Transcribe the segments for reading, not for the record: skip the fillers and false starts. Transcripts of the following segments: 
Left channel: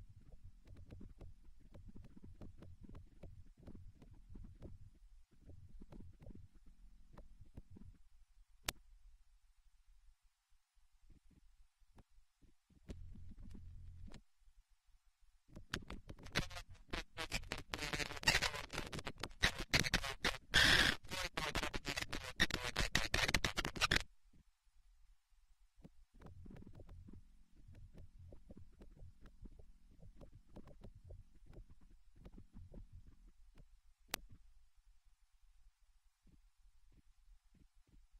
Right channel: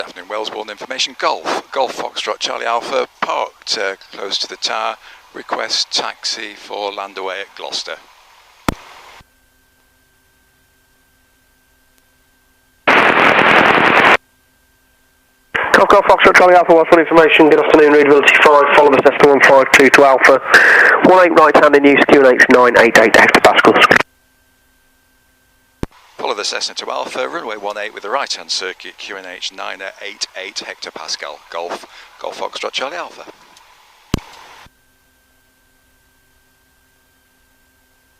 Good afternoon, Wellesbourne information. Golf Foxtrot Charlie Alpha, parked close to the tower. Request taxi for Landaway at Gloucester. Golf Foxtrot Charlie Alpha, Wellesbourne information. Good afternoon, readability 5, follow the Cessna 152 to Alpha. 18 right hand in use, QNH 988 hectopascals. Follow the Cessna to Alpha, runway 18 with the right hand circuit, QNH 988 hectopascal. Golf Foxtrot Charlie Alpha.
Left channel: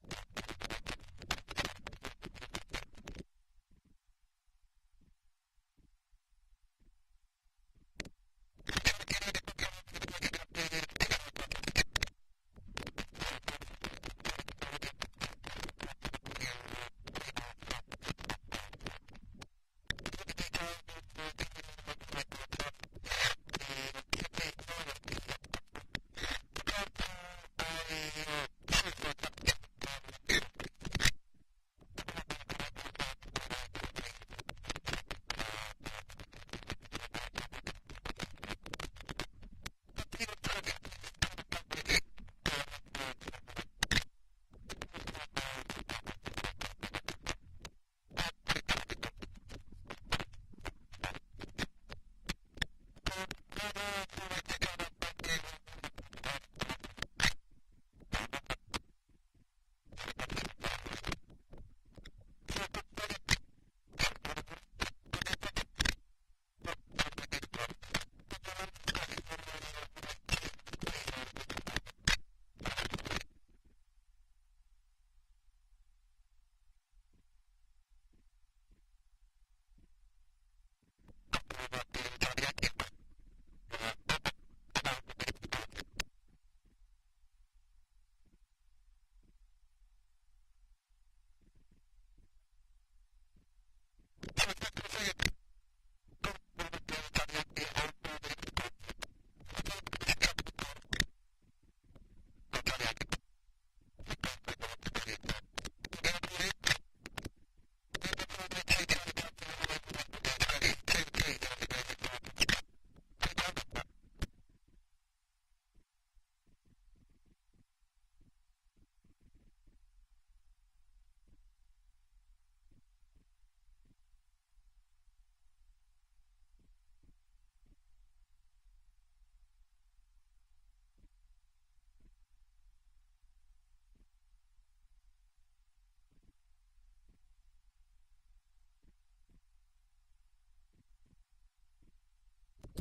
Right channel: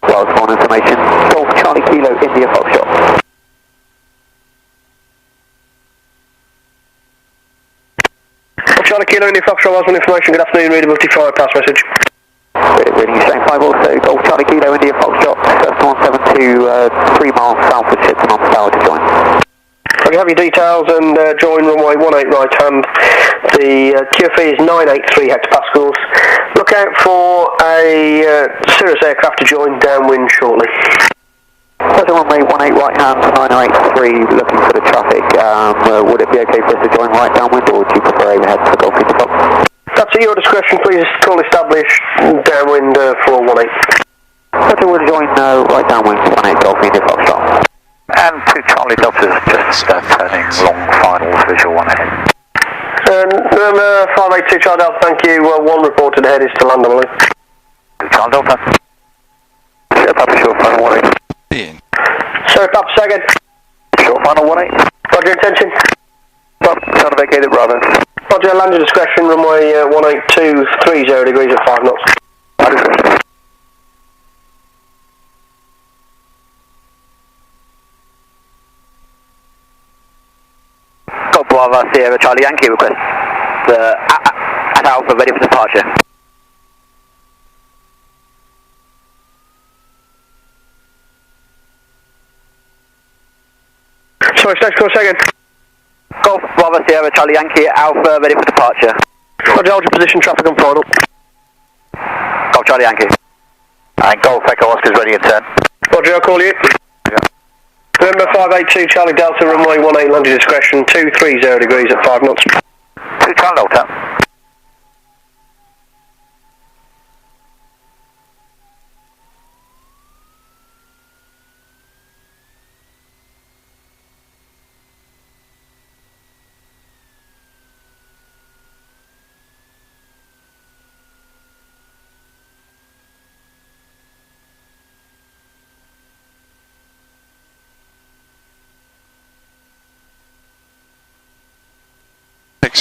Wellesbourne information. Golf Charlie Kilo India Foxtrot. Charlie Kilo India Foxtrot, Wellesbourne information. Good afternoon, readability 5, pass message. Reading straight 5 also, Golf Charlie Kilo India Foxtrot, Cessna 172, 3 miles south of Shobdon on tower to join. You have your details and join runway 18 right hand. The QFE is 983 hectopascals. Look out for a Cirrus aircraft to join downwind shortly. Runway 18 right hand, 983, looking for the traffic. Would it be okay for us to join right downwind, or would you prefer overhead for Golf India Foxtrot? That's at your discretion, please call established downwind for 18. We'll join right downwind for 18 Golf India Foxtrot. And 2 Charlie Deltas, just turning long finals, visual 1 ahead. Number 582 Charlie Delta, thank you. 1 reported ahead is to land, I believe. 2 Charlie Delta. Sure, Papa, short final 18. Ian. Sir, Papa, second. Short final 18. Roger, intention. Papa, trying to vacate it, Bravo. Roger, land your discretion, runway 18230 degrees at 5 knots. Golf Bravo Sierra Charlie Yankee request. At Alpha, ready for departure. Sorry, stage call second. Golf Bravo Sierra Charlie Yankee Alpha, ready for departure. Roger, hold your position, traffic on final. Golf Charlie Yankee. And Golf Echo Oscar's ready in turn. Roger, I'll call you. Yeah. November 582 Charlie Delta, runway 18, land your discretion, 230 degrees at 5 knots. 2 Charlie Delta.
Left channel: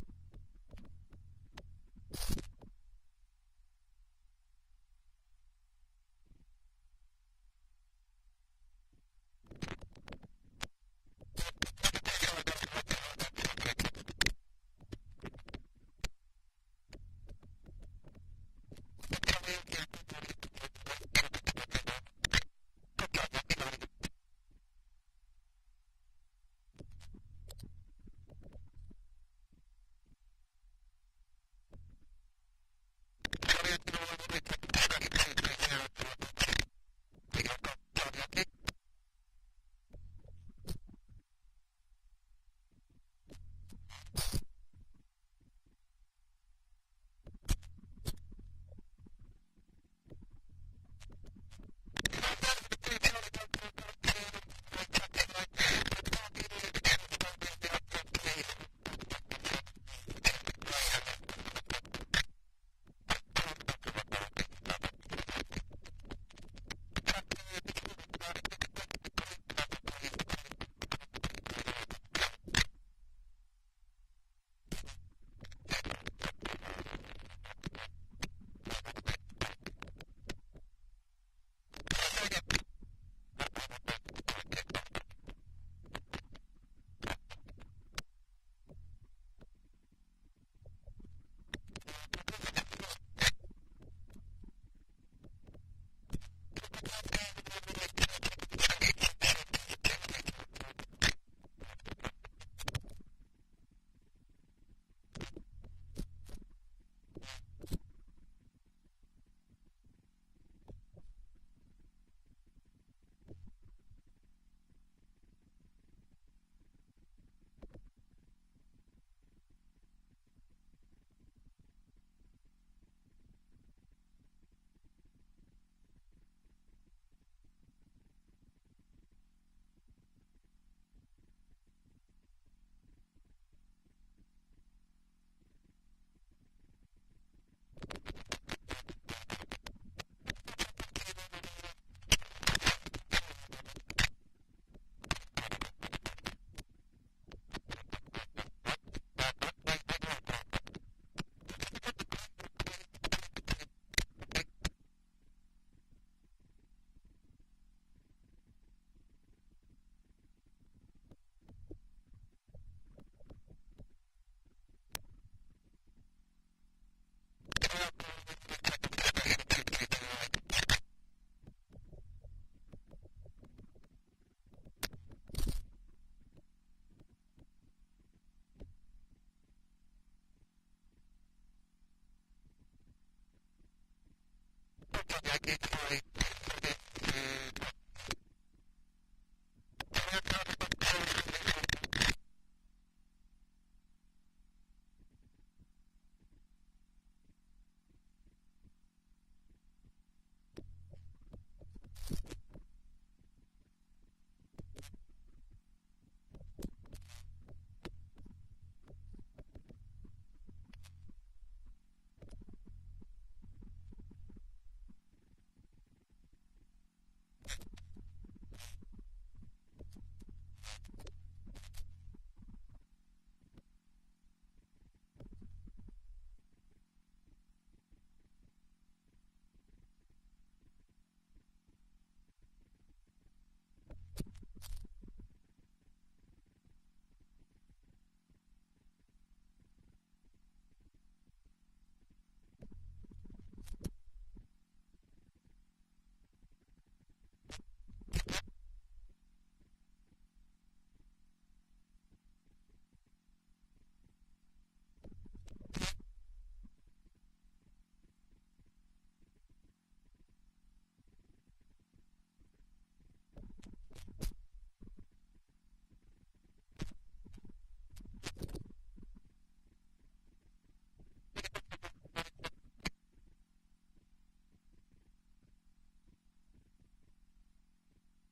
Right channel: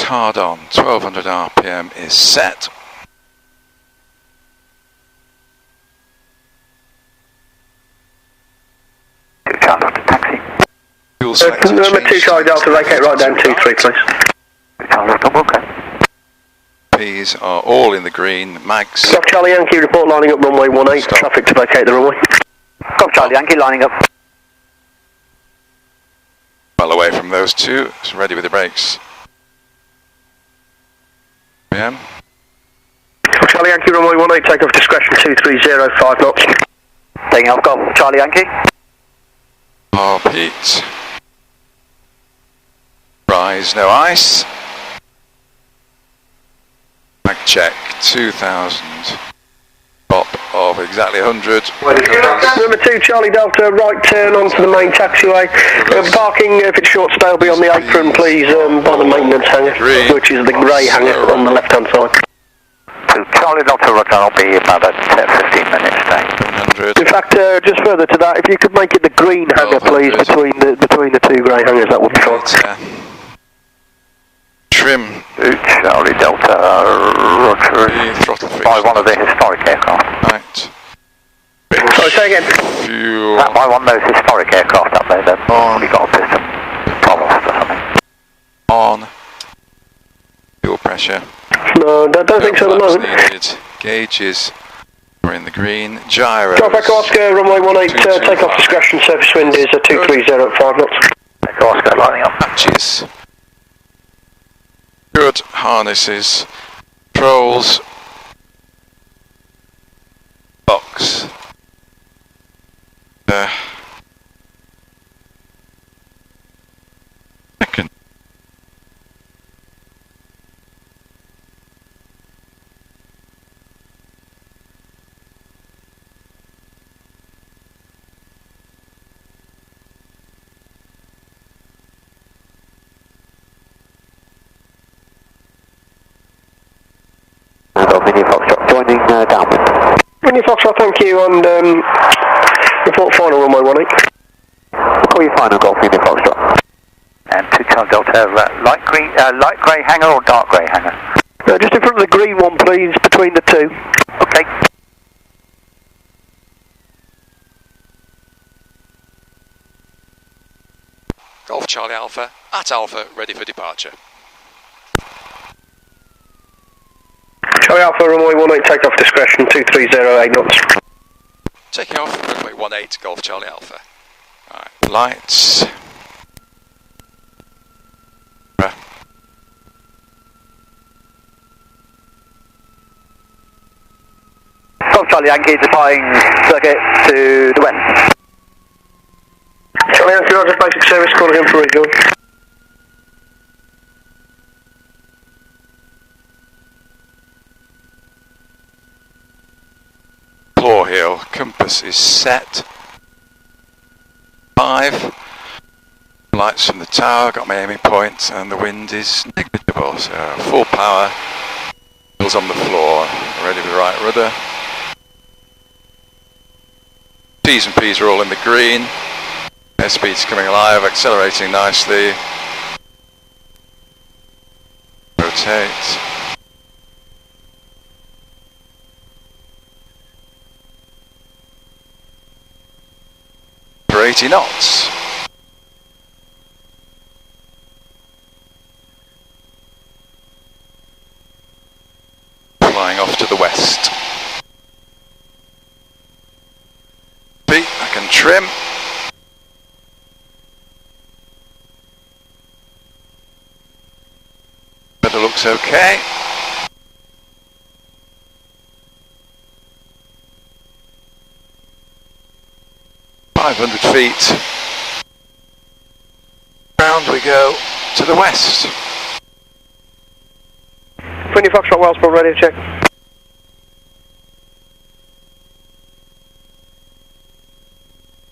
Hard on, 1200 RPM is set. Taxi. Fuel selector Number 2 Charlie Delta, vacate right down 23, please. Okay. P's are all in the green. Mags. Golf Charlie Yankee, report lining up runway 18, Stop. traffic to vacate the runway. Golf Charlie Yankee lining up. Well away from those two. It's ready with the brakes. PM. Golf Charlie Yankee, runway 18, take off discretion 230, 5 knots. Taking off Golf Charlie Yankee. Pete. Rise, no ice. Mag check, 2000. Bop of exactly 100. Number 2 Charlie Delta, right turn onto the main taxiway. Parking, if it's short stay, will be on the apron, please, by the maintenance hangar, which is the grey hangar on the left hand side. 2 Charlie Delta, Roger, I'll be about at 15 minutes now. 100. In fact, just further to that, if you could make it the green hangar, please, between the 2 grey hangars, that would be fine. Trim. 2 Charlie Delta, Roger. Throttle free. By one of the historic aircraft. Right. Sorry, say again. Fuel. That by one of those historic aircraft up there, they've probably got a piston problem or something. On. Fuel pressure. No, don't think so at the moment. Needed. Gauges are in the green. Gyros. Golf Echo Oscar, runway 18, take off discretion, surface wind is 230 at 5 knots. Echo Oscar lining up. Patches. Good harnesses. Controls. Box. Second. India Foxtrot, joining downwind. India Foxtrot, thank you, and report final runway 18. We'll call you final, Golf India Foxtrot. And 2 Charlie Delta, light grey hanger or dark grey hanger? Just in front of the green one, please, between the two. Okay. Golf Charlie Alpha, at Alpha, ready for departure. Charlie Alpha, runway 18, takeoff discretion, 2308 knots. Taking off, runway 18, Golf Charlie Alpha. Alright, lights. Golf Charlie Yankee, deploying circuit to the west. Charlie Yankee, Roger, basic service, calling in for rejoin. Claw heel, compass is set. 5. Lights from the tower, got my aiming point, and the wind is negligible, so full power. Wheels on the floor, ready with the right rudder. T's and P's are all in the green. Airspeed's coming alive, accelerating nicely. Rotate. For 80 knots. Flying off to the west. Feet, I can trim. But it looks okay. feet. Round we go to the west. 20 Foxtrot, Wellesbourne, ready to check.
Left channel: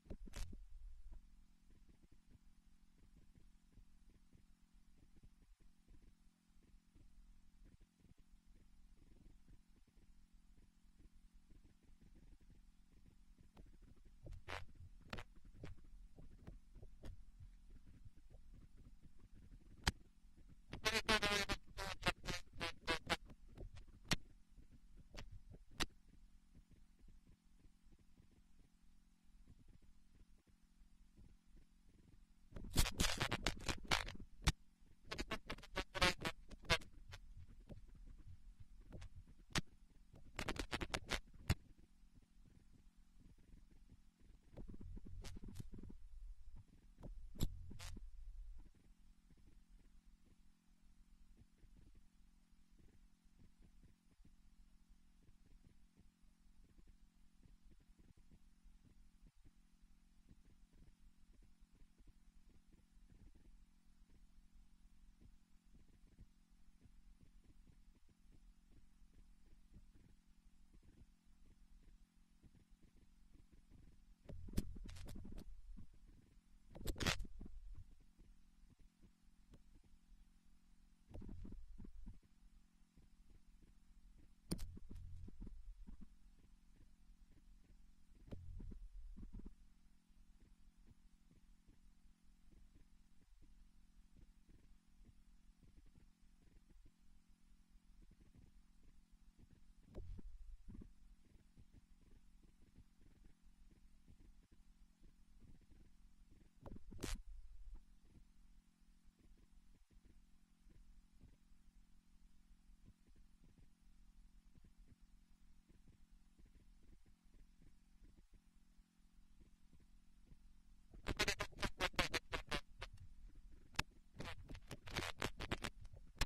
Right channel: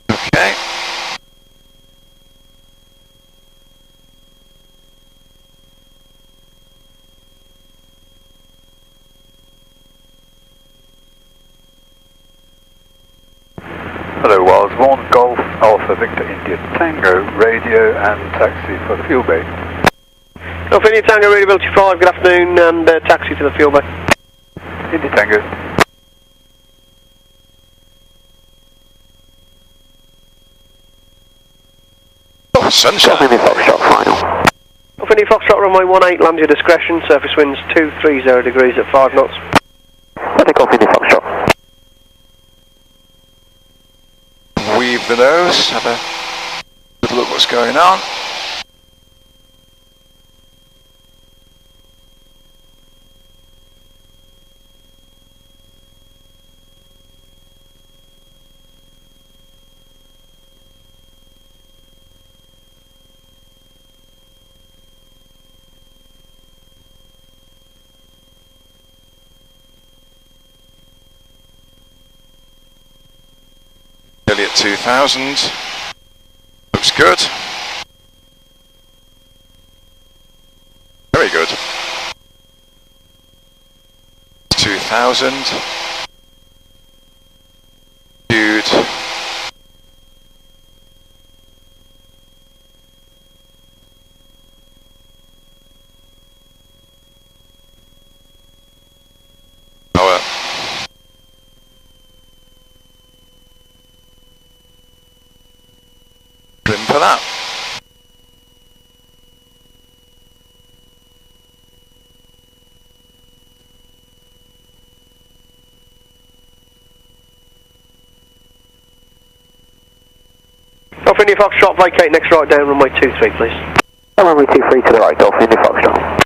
Okay. Hello, Wellesbourne, Golf Alpha Victor India Tango, radio and taxi for the fuel bay. Alpha India Tango, Readability 5, good afternoon, and taxi to the fuel bay. India Tango. Oh, sunshine. Alpha India Foxtrot, final. Alpha India Foxtrot, runway 18, land your discretion, surface winds 230 degrees at 5 knots. We'll take Alpha India Foxtrot. Weave the nose, have a little look what's going on. Nearly at 2000. Looks good. Very good. 2000. Dude. Power. Trim for that. Alpha India Foxtrot, vacate next right down, runway 23, please. Runway 23 to the right, Alpha India Foxtrot.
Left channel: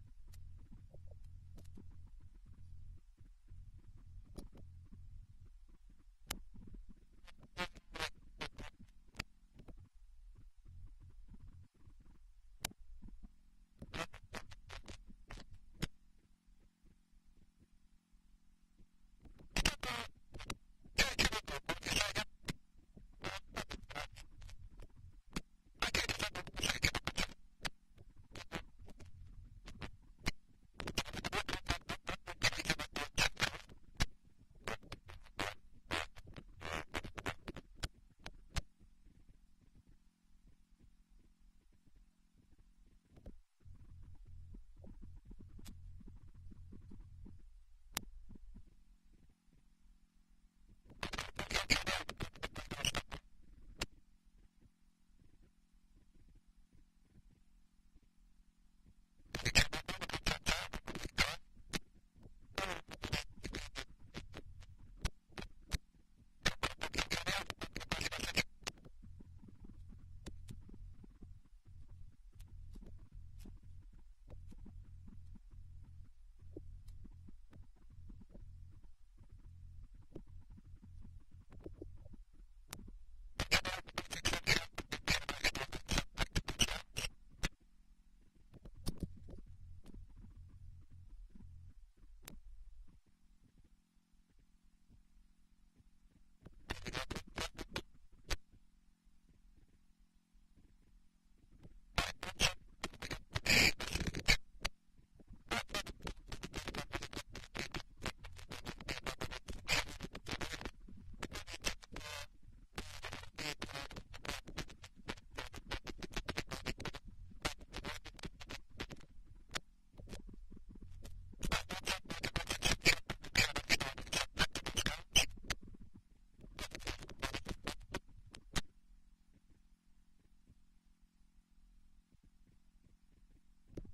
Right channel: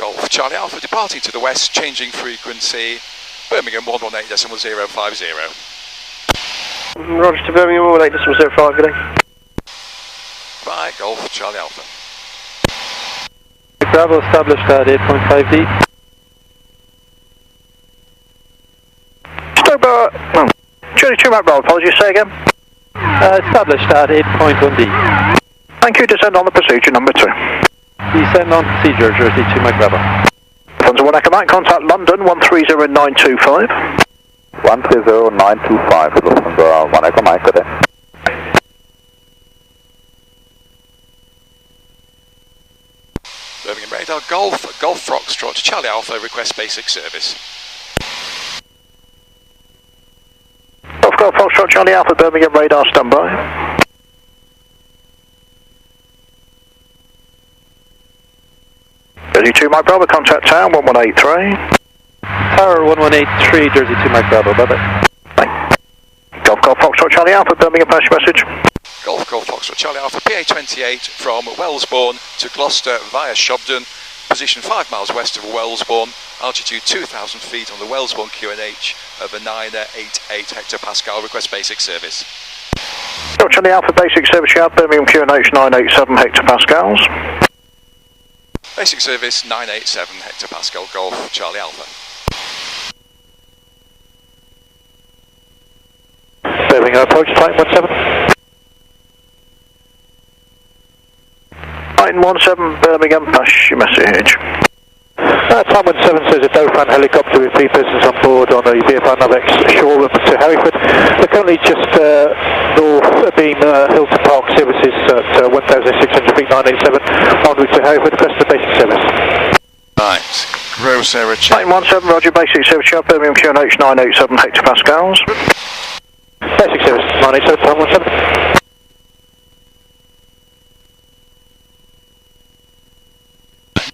Golf Charlie Alpha departing to the west, changing frequency. Birmingham 118.050. Roger to Birmingham, 118.05, good day. Bye, Golf Charlie Alpha. Bravo established at 8.5D. Stoke Charlie 2 Mike Bravo, apologies, say again. Established at 8.1D. Thank you, descend on the procedure number 2. Descend on procedure, Jersey 2 Mike Bravo. Lufthansa 1 Echo Mike, contact London 130925. 130925, Lufthansa 1 Echo Mike, good day. Birmingham radar, Golf Foxtrot, Charlie Alpha, request basic service. Golf Foxtrot, Charlie Alpha, Birmingham radar, standby. Jersey 2 Mike Bravo, contact tower 1183. Tower 1183, Jersey 2 Mike Bravo, bye-bye. Golf Foxtrot, Charlie Alpha, Birmingham passenger message. Golf Foxtrot, Charlie Alpha, PA28 from Wellesbourne to Gloucester via Shobdon, position 5 miles west of Wellesbourne, altitude 2,000 feet on the Wellesbourne QNH of a 988 hectopascal, request basic service. Charlie Alpha, basic service yard, Birmingham QNH 987 hectopascals. Basic service 987 hectopascal, Golf Charlie Alpha. Birmingham approach, flight 17. Flight 17, Birmingham, pass your message. Time 17 says a Dauphin helicopter with 3 persons on board on a VFR Navex Shoreham to Hereford. They're currently just north beam Hilton Park services at 1,600 feet 987 en route to Hereford, request the basic service. Right, gross error check. Flight 17, roger, basic service yard, Birmingham QNH 987 hectopascals. Basic service 987, time 17.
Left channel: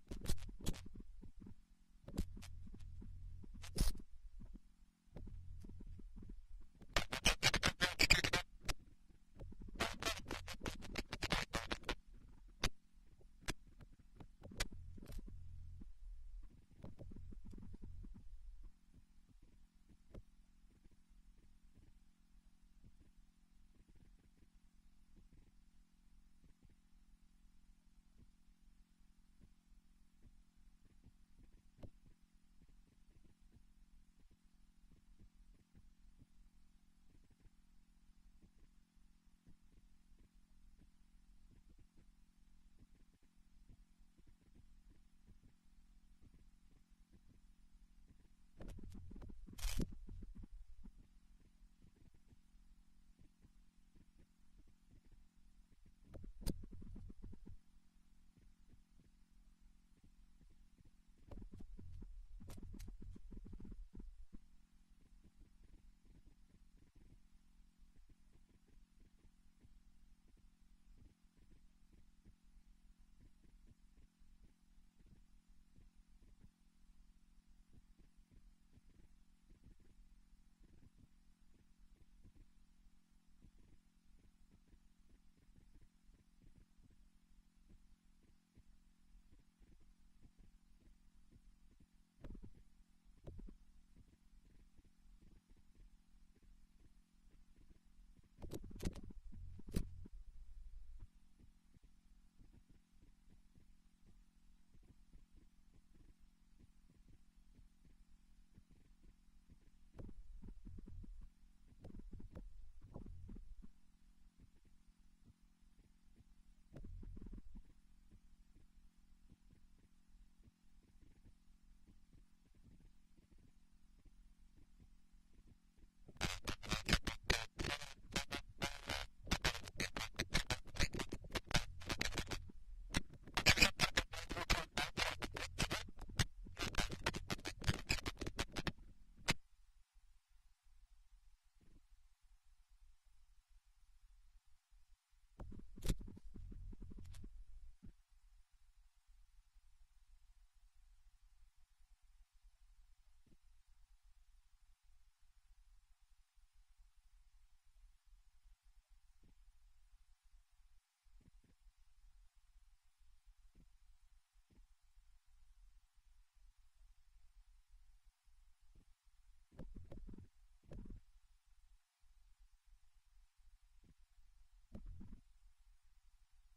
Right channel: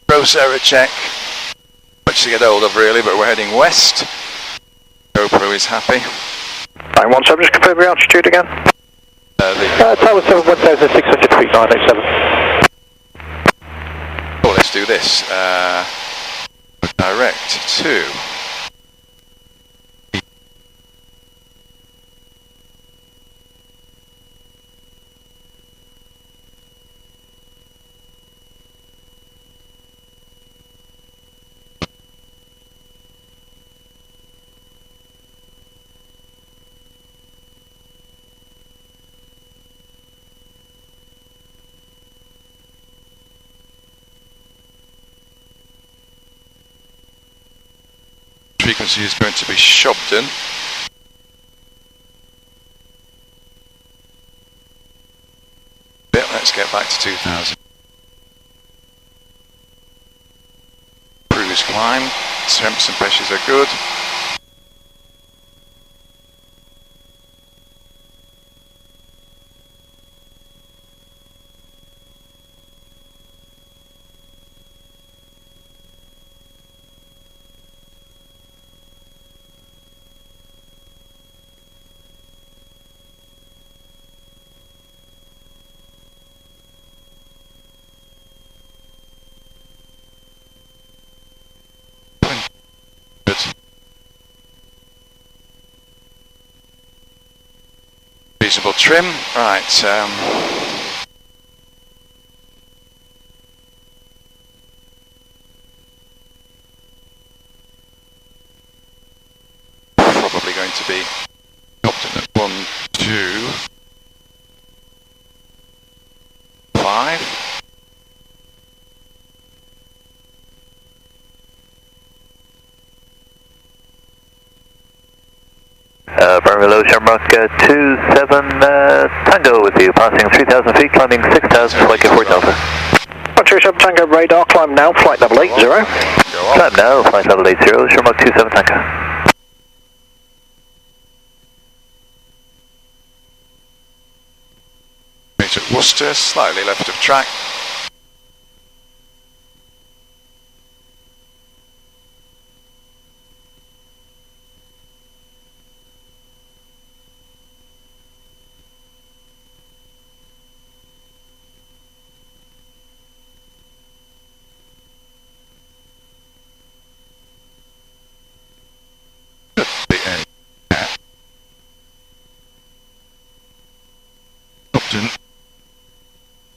Gross error check. Much to get hold of really, but we're heading west. GoPro is happy. 917, just confirm your altitude again. Tower 7, 1,600 feet 987. Oh, let's do this. Direct to... frequency is going to be Shobdon. Let's get back to 2000. Cruise climb, temps and pressures are good. Reasonable trim, right, probably going to be Shobdon at 1, 2, 5. Below Shamrock 27 Tango with you, passing 3,000 feet, climbing 6,000, flight K4 Delta. 27 Tango radar, climb now, flight level 80. Climb now, flight level 80, Shamrock 27 Tango. Major Worcester, slightly left of track.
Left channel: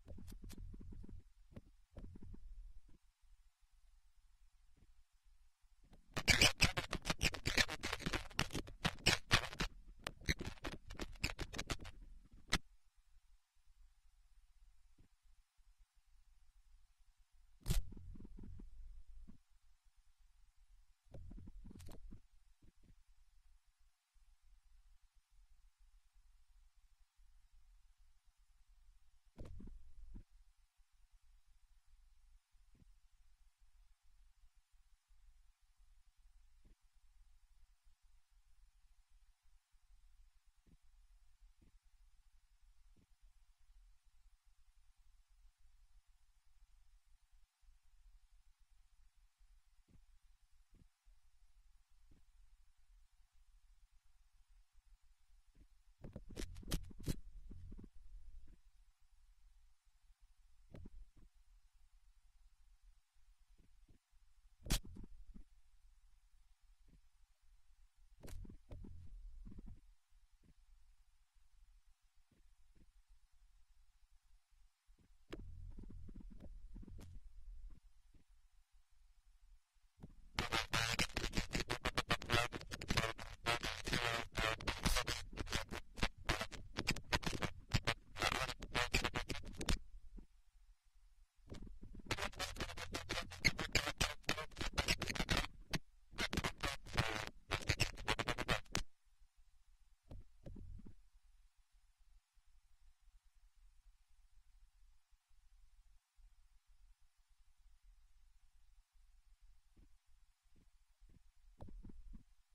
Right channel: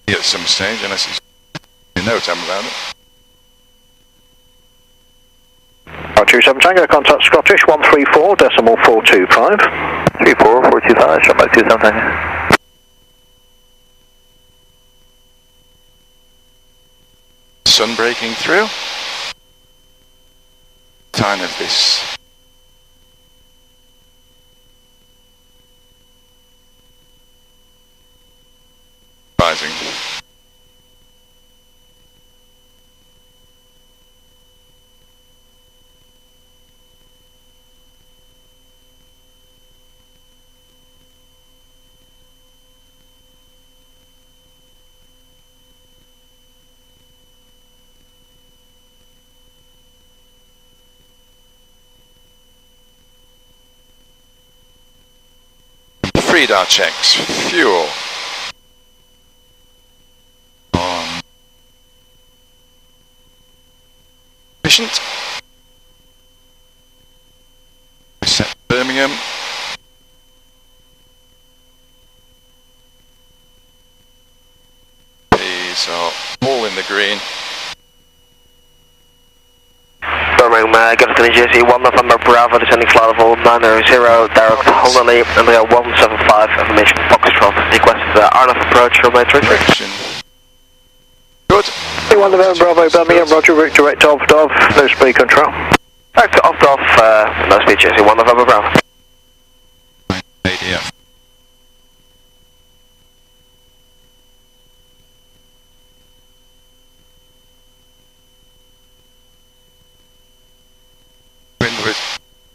At some stage, unless it's no time about it. 27 Tango, contact Scottish 134.425. 34425, shot by 27 Tango. Sun breaking through. Time of this. Rising. Radar checks, fuel. Efficient. Set Birmingham. These are all in the green. Birmingham, Gloucester, New Jersey, 1 November Bravo, descending flight level 900, direct Honolulu, and we are 175, information Foxtrot, requested RNF approach, runway 33. Direction. Good. 1 November Bravo, Birmingham, roger, route direct off, no speed control. Direct off, no speed, Jersey, 1 November Bravo. ADF.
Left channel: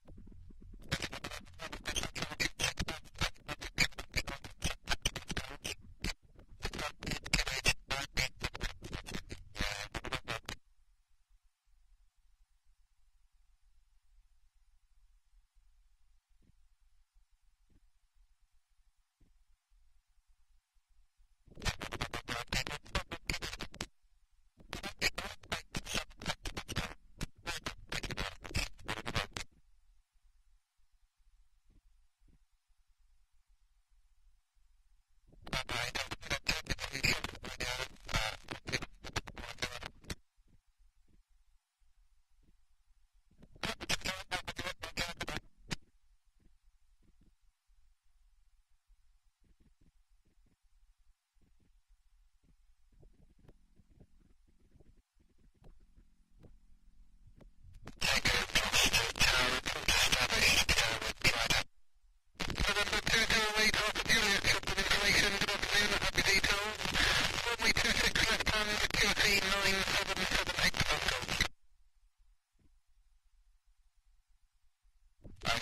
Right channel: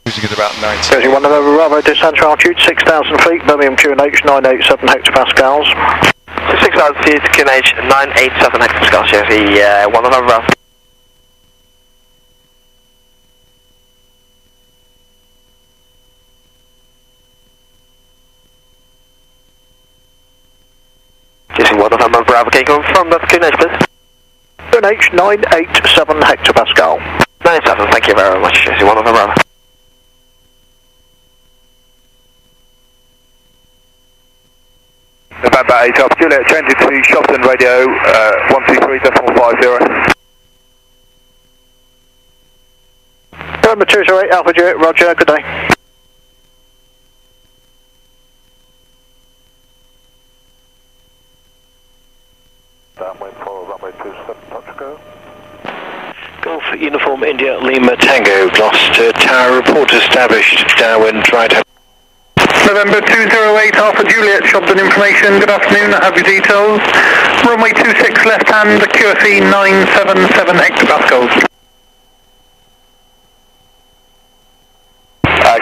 Cruising at about 90. Jersey 1 November Bravo, descent altitude 6,000 feet, Birmingham QNH 987 hectopascals. 6,000 feet, QNH 987 hectopascals, Jersey, 1 November Bravo. Jersey 1 November Bravo, can you confirm that QNH, please? QNH 987 hectopascal. 97, thank you very much, Jersey 1 November Bravo. November 8 off, Juliet, change it to Shobdon radio, 123.50. November 208 Alpha Juliet, roger, good day. Downwind for runway 27, touch go. Golf Uniform India Lima Tango, Gloucester Tower, report established, downwind right hand. November 208 Alpha Juliet, Shobdon information, good afternoon, I have your details. Runway 26 left hand, QFE 977 hectopascals.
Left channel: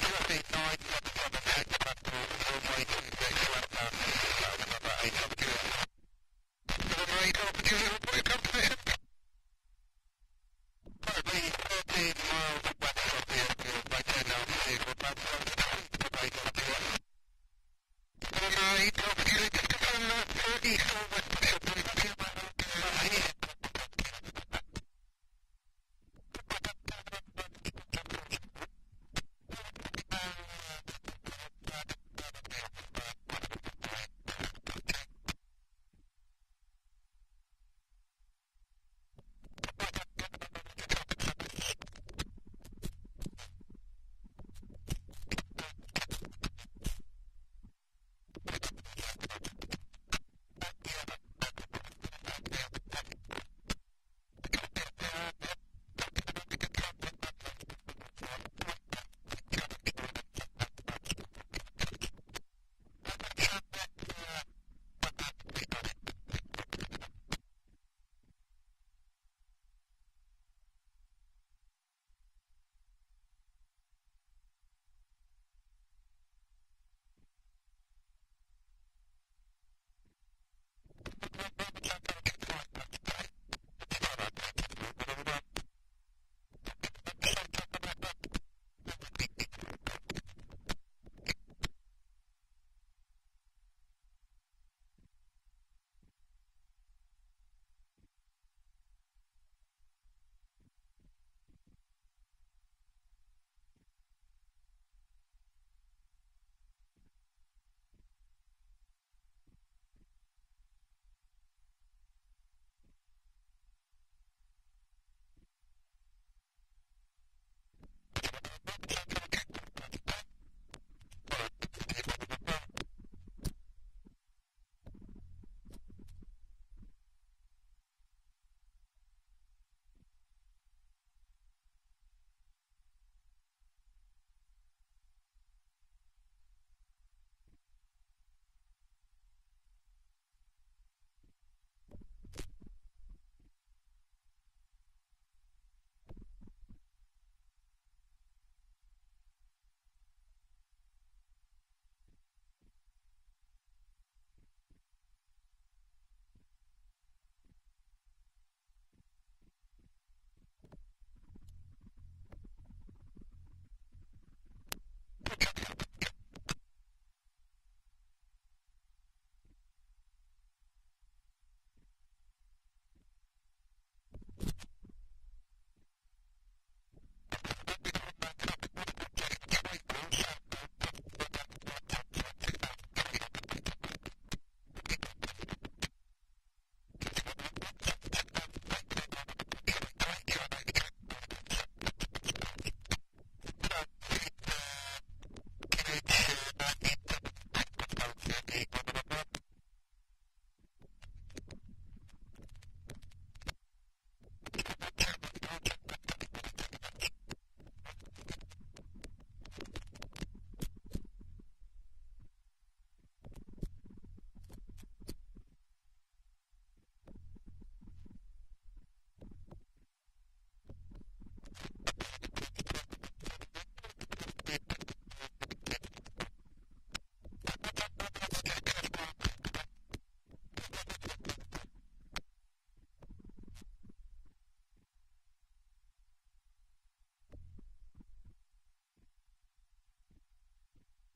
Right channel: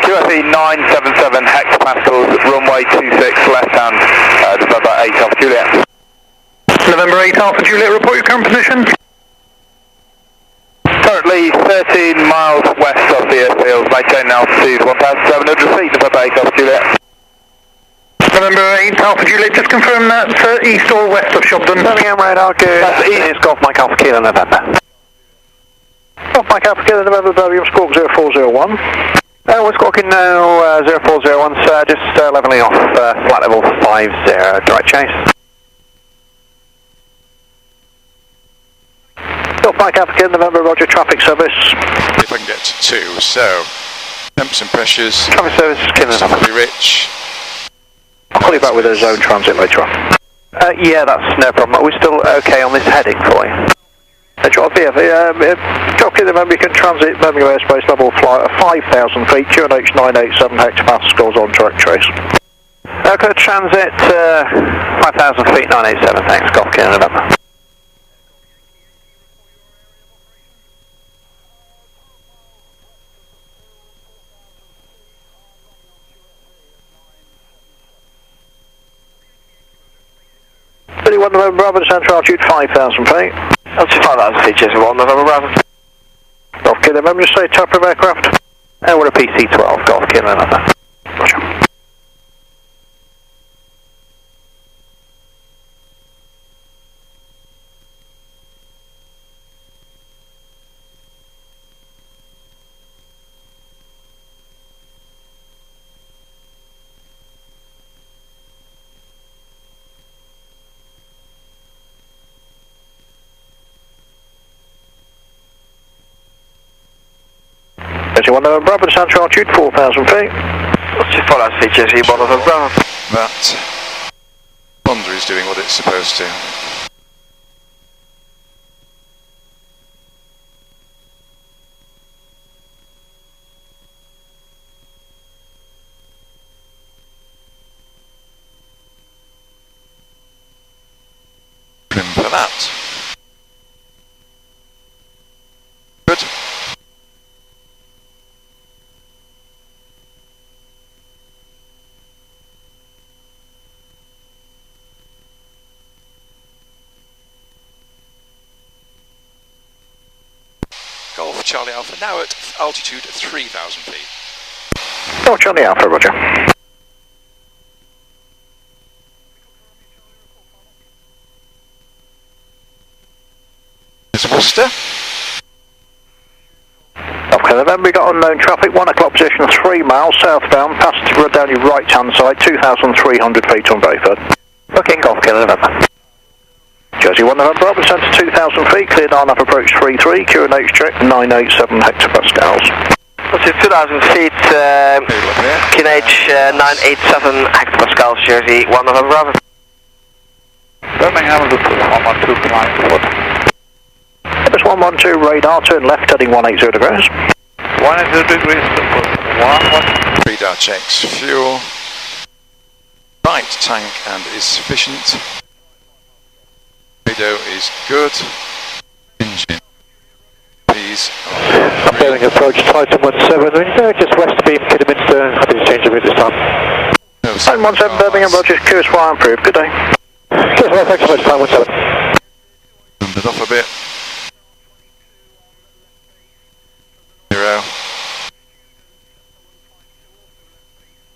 QFE 977 hectopascals, runway 26 left hand, November 8 Alpha Juliet. November 8 Alpha Juliet, report your current position. Currently 13 miles west of the airfield, maintain altitude 1,700 feet, November 8 Alpha Juliet. November 8 Alpha Juliet, just confirm that east or west of Shobdon. Birmingham radar, good. That's east. It's Golf Mike Alpha Kilo November. Golf Mike Alpha Kilo November, Birmingham Squawk 0401. We're squawking now 0401, sir, just levelling off flight level 50, direct chase. Golf Mike Alpha Kilo November, roger, traffic service. If I can get to 2, so temps and pressures. Traffic service, Kilo November. Pretty rich. I'll call you back with a zone transit later on. Yeah, that's no problem. Are we still okay on this heading for you? Drop in November, you can transit Birmingham airspace level flight at 5,000 feet, QNH 987 hectopascals on direct trace. Okay, transit 5,000 feet, 987, thanks, Golf Kilo November. November Bravo, central altitude 5,000 feet. Altitude 5,000 feet, Jersey 1 November Bravo. Golf Kilo November, just say type of aircraft. And we're a PC-12, Golf Kilo November. Roger. Jersey 1 November Bravo, descent altitude 4,000 feet. What's your follow speed, Jersey 1 November Bravo? That Honda is doing what it's supposed to. For that. Good. Golf Charlie Alpha now at altitude 3,000 feet. Golf Charlie Alpha, roger. Worcester. Okay, November, we got unknown traffic, 1 o'clock position, 3 miles southbound, past down your right hand side, 2,300 feet on Bayford. Booking Golf Kilo November. Jersey 1 November Bravo, descent to 2,000 feet, cleared on up approach 33, QNH check 987 hectopascals. What's your 2,000 feet, QNH 987 hectopascals, Jersey 1 November Bravo. Birmingham, look 112 climb forward. Airbus 112 radar, turn left heading 180 degrees. 180 degrees, 1. Radar checks fuel. Right tank and is sufficient. Radio is good. Engine. Please. Bearing approach Titan 17, just west beam Kidderminster, happy to change the route this time. Titan 17 Birmingham, Rogers, QSY improved, good day. QSY, thanks so much, Titan 17. Turned it off a bit. 0.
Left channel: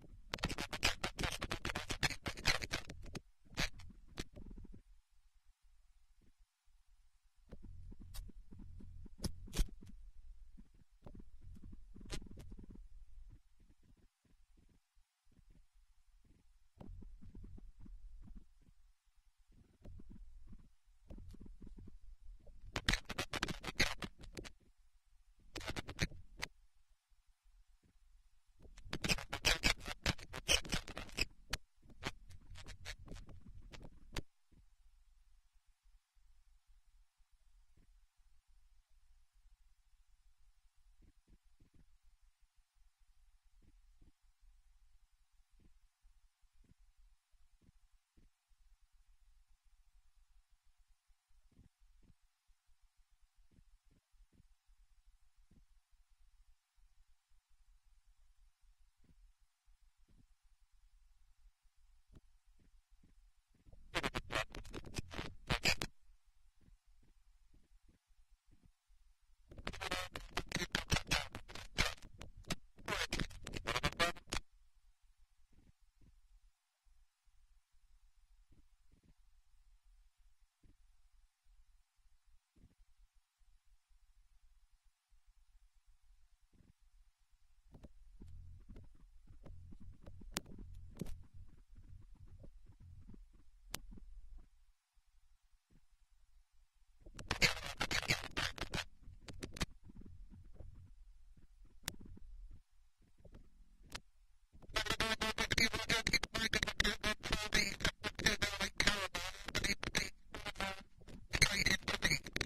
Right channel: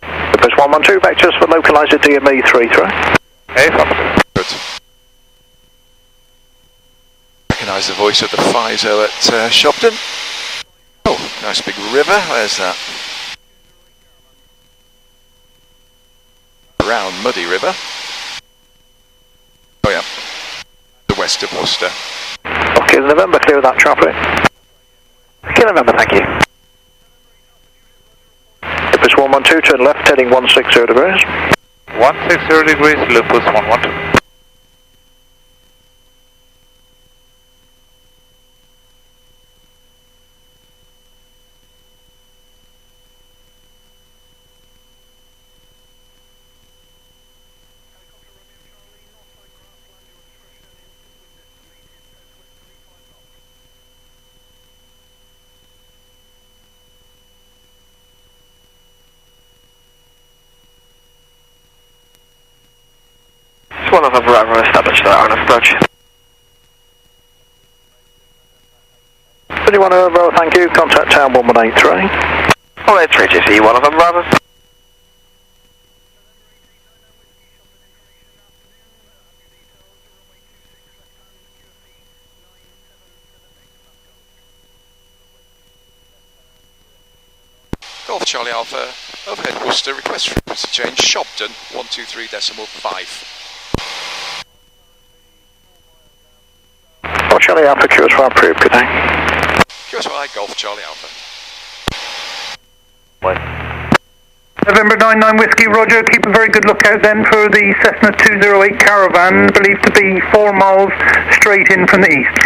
Airbus 112, vectors for localizer DME 33. Hey, good. Recognise the voice of the FISO at Shobdon. Oh, nice big river. Where's that? Brown, muddy river. Oh yeah, the west of Worcester. Okay, November, clear of that traffic. Okay, November, thank you. Airbus 112, turn left, heading 160 degrees. 160 degrees, Lupus 112. One of Bravo established on approach. 21 Bravo, thank you. Contact town 1183. 183 GC, one of Bravo. Golf Charlie Alpha, overhead Worcester, request frequency change, Shobdon, 123.5. Golf Charlie Alpha, QSY approved, good day. QSY, Golf Charlie Alpha. November 99 Whiskey, Roger, keep a very good lookout then for the Cessna 208 Caravan, believed to be 4 miles straight in from the east.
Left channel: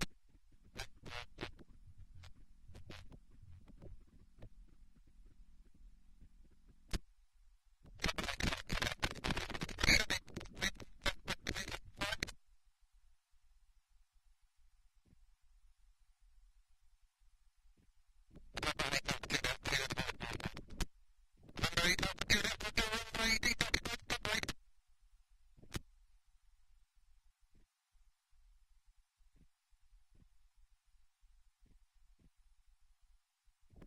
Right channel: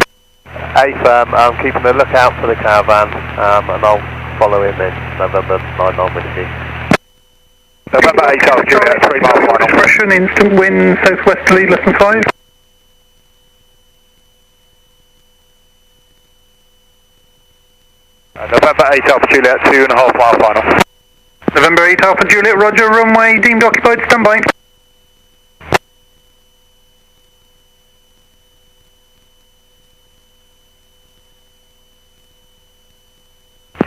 Hey firm, I'm keeping a lookout for the Caravan, and I'll follow him in November 99 Whiskey. November 8 altitude, 3 mile final. Discretion, instant wind, southwesterly, less than 5. November 8 Alpha Juliet, 2.5 mile final. November 8 Alpha Juliet, Roger, runway deemed occupied, stand by.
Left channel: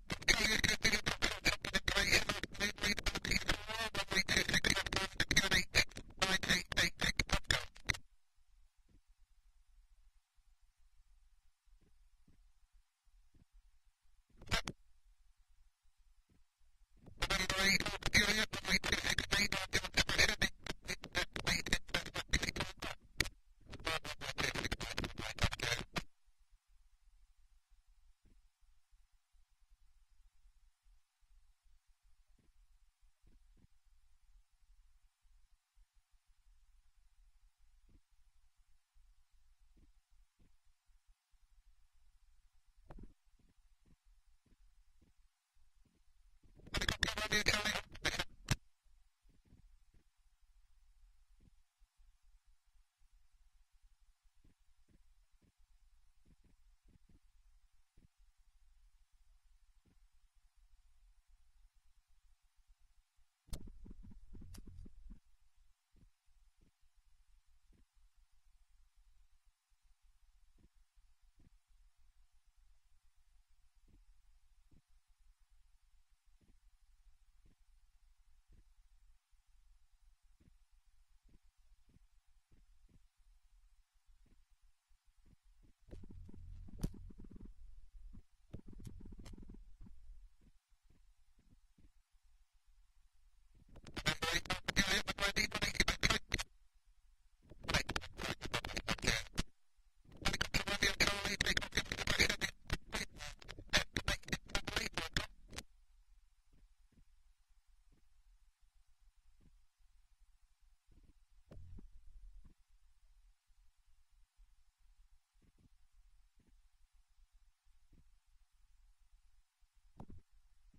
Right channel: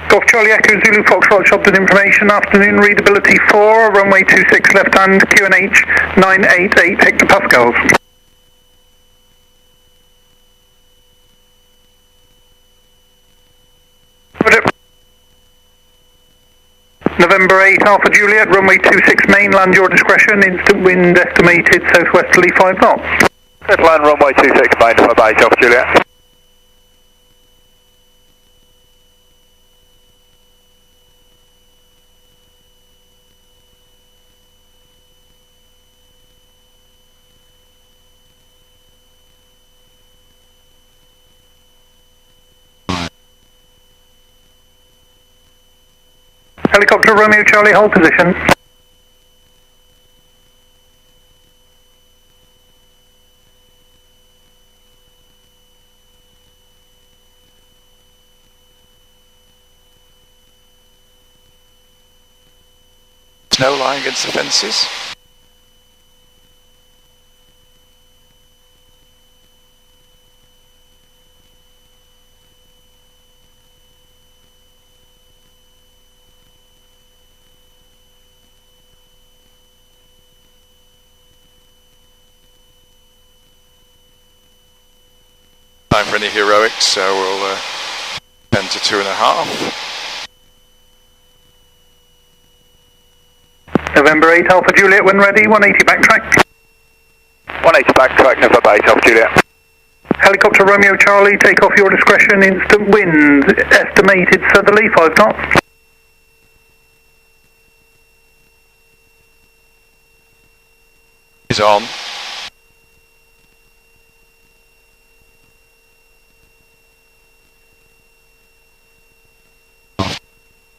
Golf Charlie Echo Zulu Foxtrot Shobdon information, afternoon readability 4, runway 26 left hand, QNH 988 hectopascals. November 8 Alpha Juliet, runway 26 main, land your discretion, instant wind estimated southwesterly 5 knots. Land runway 26 main, November 8 Alpha Juliet. Helicopter Romeo Charlie, hold position. Snow lying against the fences. Time for any heroics, so we'll 10 to 2.5. November 8 Alpha Juliet when ready, 180 backtrack. 180 backtrack, November 8 Alpha Juliet. Helicopter Romeo Charlie, take off your discretion, instant wind, estimated southerly, 5 knots. Is on.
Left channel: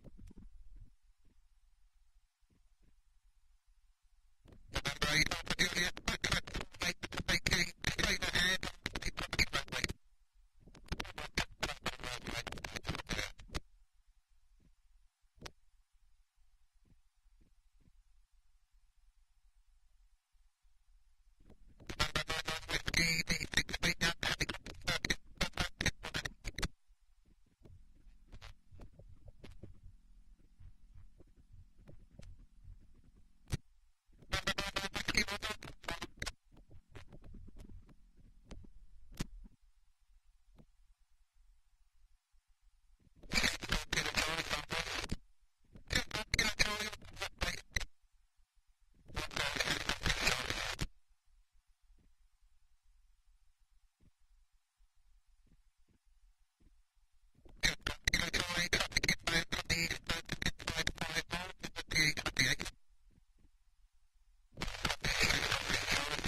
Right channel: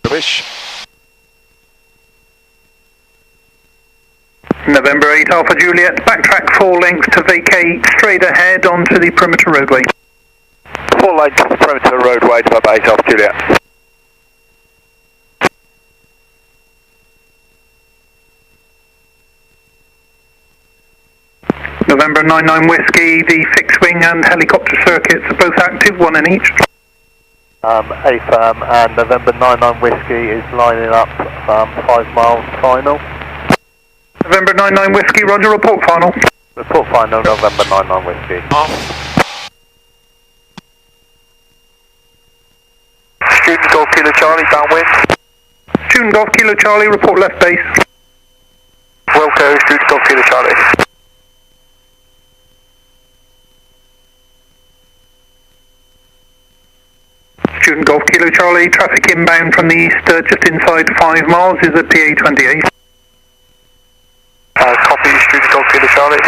Rubbish. November 8 Alpha Juliet, backtrack 4 lengths to vacate, straight ahead onto the perimeter roadway. 4 lengths perimeter roadway, November 8 Alpha Juliet. November 99 Whiskey, the fixed wing and helicopter circuits are both active, 1 in each. AFAM and November 99 Whiskey is lining up 5 miles final. November 99 Whiskey, roger, report final. Report final, November 99 Whiskey. Off. Student Golf Kilo Charlie, downwind. Student Golf Kilo Charlie, report left base. Wilco, Student Golf Kilo Charlie. Student Golf Kilo Charlie, traffic inbound from the east just inside 5 miles is a PA28. Copy, Student Golf Kilo Charlie.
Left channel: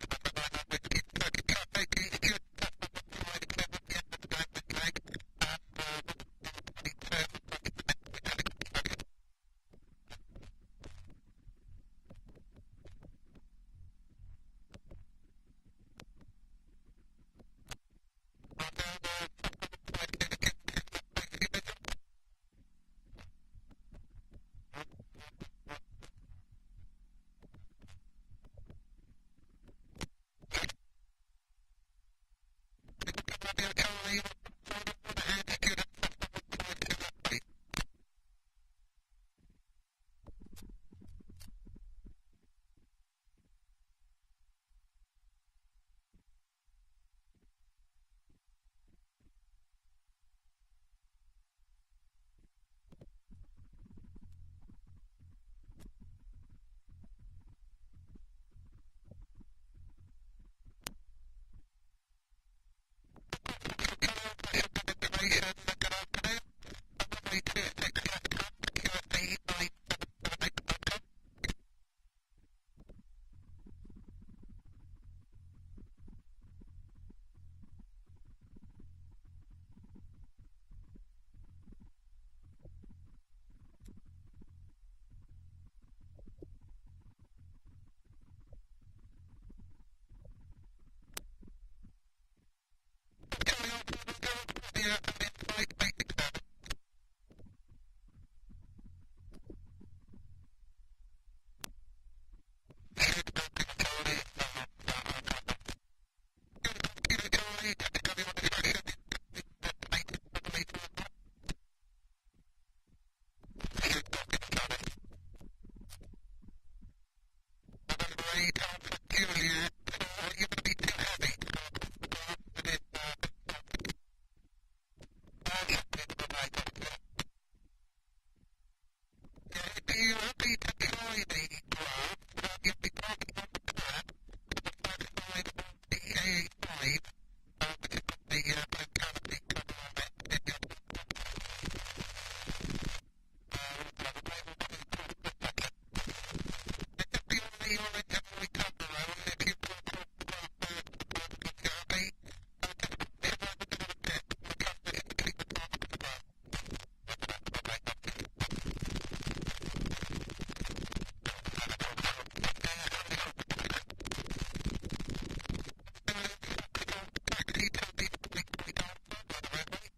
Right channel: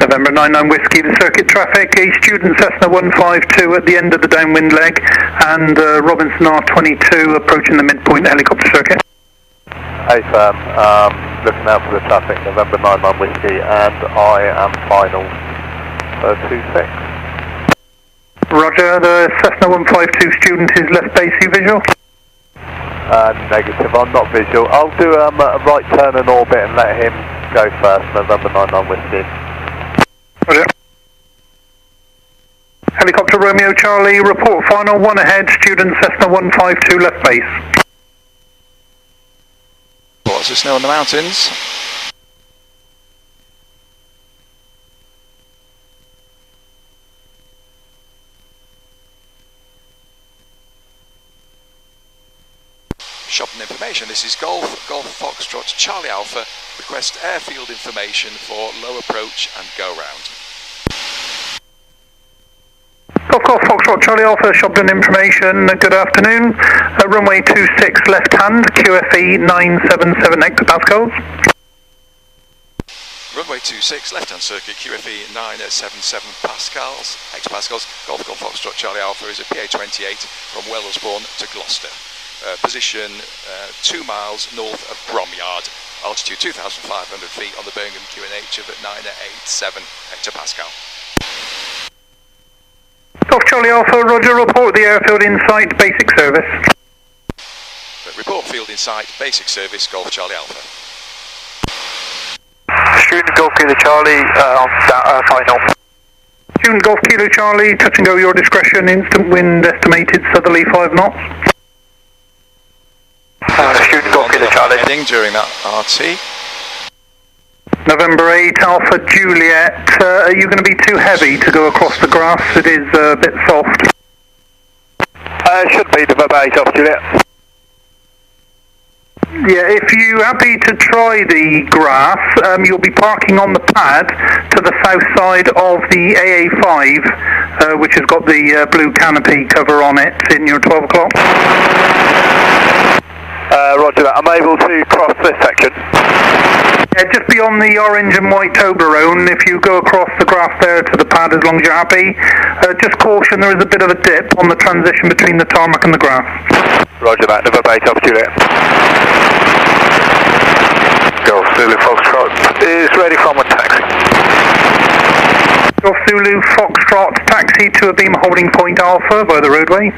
November 99 Whiskey, the circuit traffic, a student Cessna 152 at the end of the downwind leg, and Robinson R22 approaching the midpoint helicopter circuit. AFAM, looking out for the traffic, November 99 Whiskey, and I am final, 26. Roger, the Cessna 152 student is left base, you visual? Negative, I'm not visual. I'll do a right turn and orbit and let him go first, November 99 Whiskey. Roger. Helicopter Romeo Charlie, report final, 1 ahead, student Cessna 152 left base. Lots of snow on the mountains. Shobdon information, this is Golf Foxtrot Charlie Alpha, request airfield information for low approach and go round. Golf Foxtrot Charlie Alpha, Shobdon information, good afternoon. Runway 26 left hand, QFE 977 hectopascals. Runway 26 left hand circuit, QFE 977 hectopascals. Golf Foxtrot Charlie Alpha is a PA28 from Wellesbourne to Gloucester. Position 2 miles north of Bromyard, altitude 2,500 feet on the Birmingham QNH of 987 hectopascal. Golf Charlie Alpha, roger, report the airfield in sight, basic service. Report field in sight, basic service, Golf Charlie Alpha. Student Golf Kilo Charlie, on final. Student Golf Kilo Charlie, touch and go your discretion, instant wind estimated southerly 5 knots. Student Golf Kilo Charlie. Heading during that RT. November 8 Alpha Juliet, are you going to be too heavy to go across the grass? It is a bit soft. should be November 8 Alpha Juliet. Yeah, if you're happy to try the grass, you'll be parking on the pad to the south side of the AA5, which has got the blue canopy cover on it in your 12 o'clock. Roger that. I'm able to cross this section. Yeah, just beyond the orange and white Toblerone, if you go across the grass there to the pad as long as you're happy, just caution there is a bit of a dip on the transition between the tarmac and the grass. Roger that. November 8 Alpha Juliet. Golf Zulu Foxtrot is ready from a taxi. Golf Zulu Foxtrot taxi to a beam holding point Alpha by the roadway.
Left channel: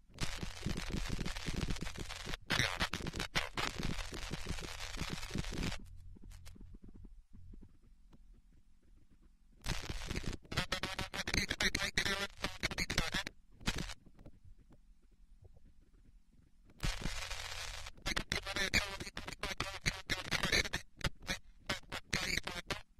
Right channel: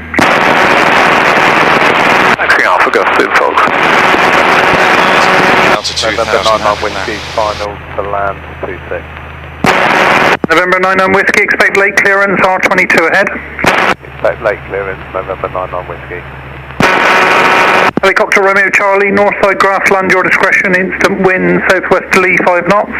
Taxi Alpha, Golf Zulu Fox. November 99 Whiskey, final to land 26. November 99 Whiskey, expect late clearance R22 ahead. Expect late clearance, November 99 Whiskey. Helicopter Romeo Charlie, northside grassland, your discretion, instant wind, southwesterly 5 knots.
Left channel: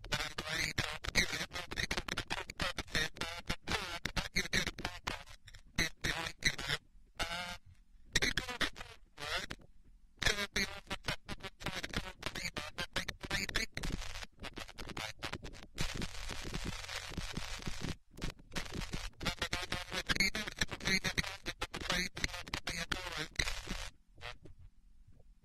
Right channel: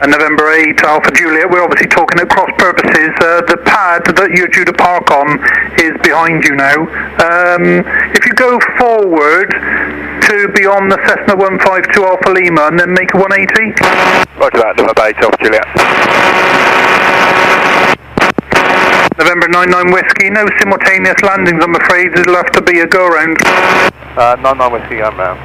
And November 8 Alpha Juliet, we're obviously talking at cross purposes. The pad that you're due to park on is behind you now. If you go forward to beyond the Cessna 152 Alpha Lima and then make a 180. Roger that, November 8 Alpha Juliet. November 99 Whiskey, no simultaneous landings I'm afraid, it'll have to be a go around. 99 Whiskey, I'm round.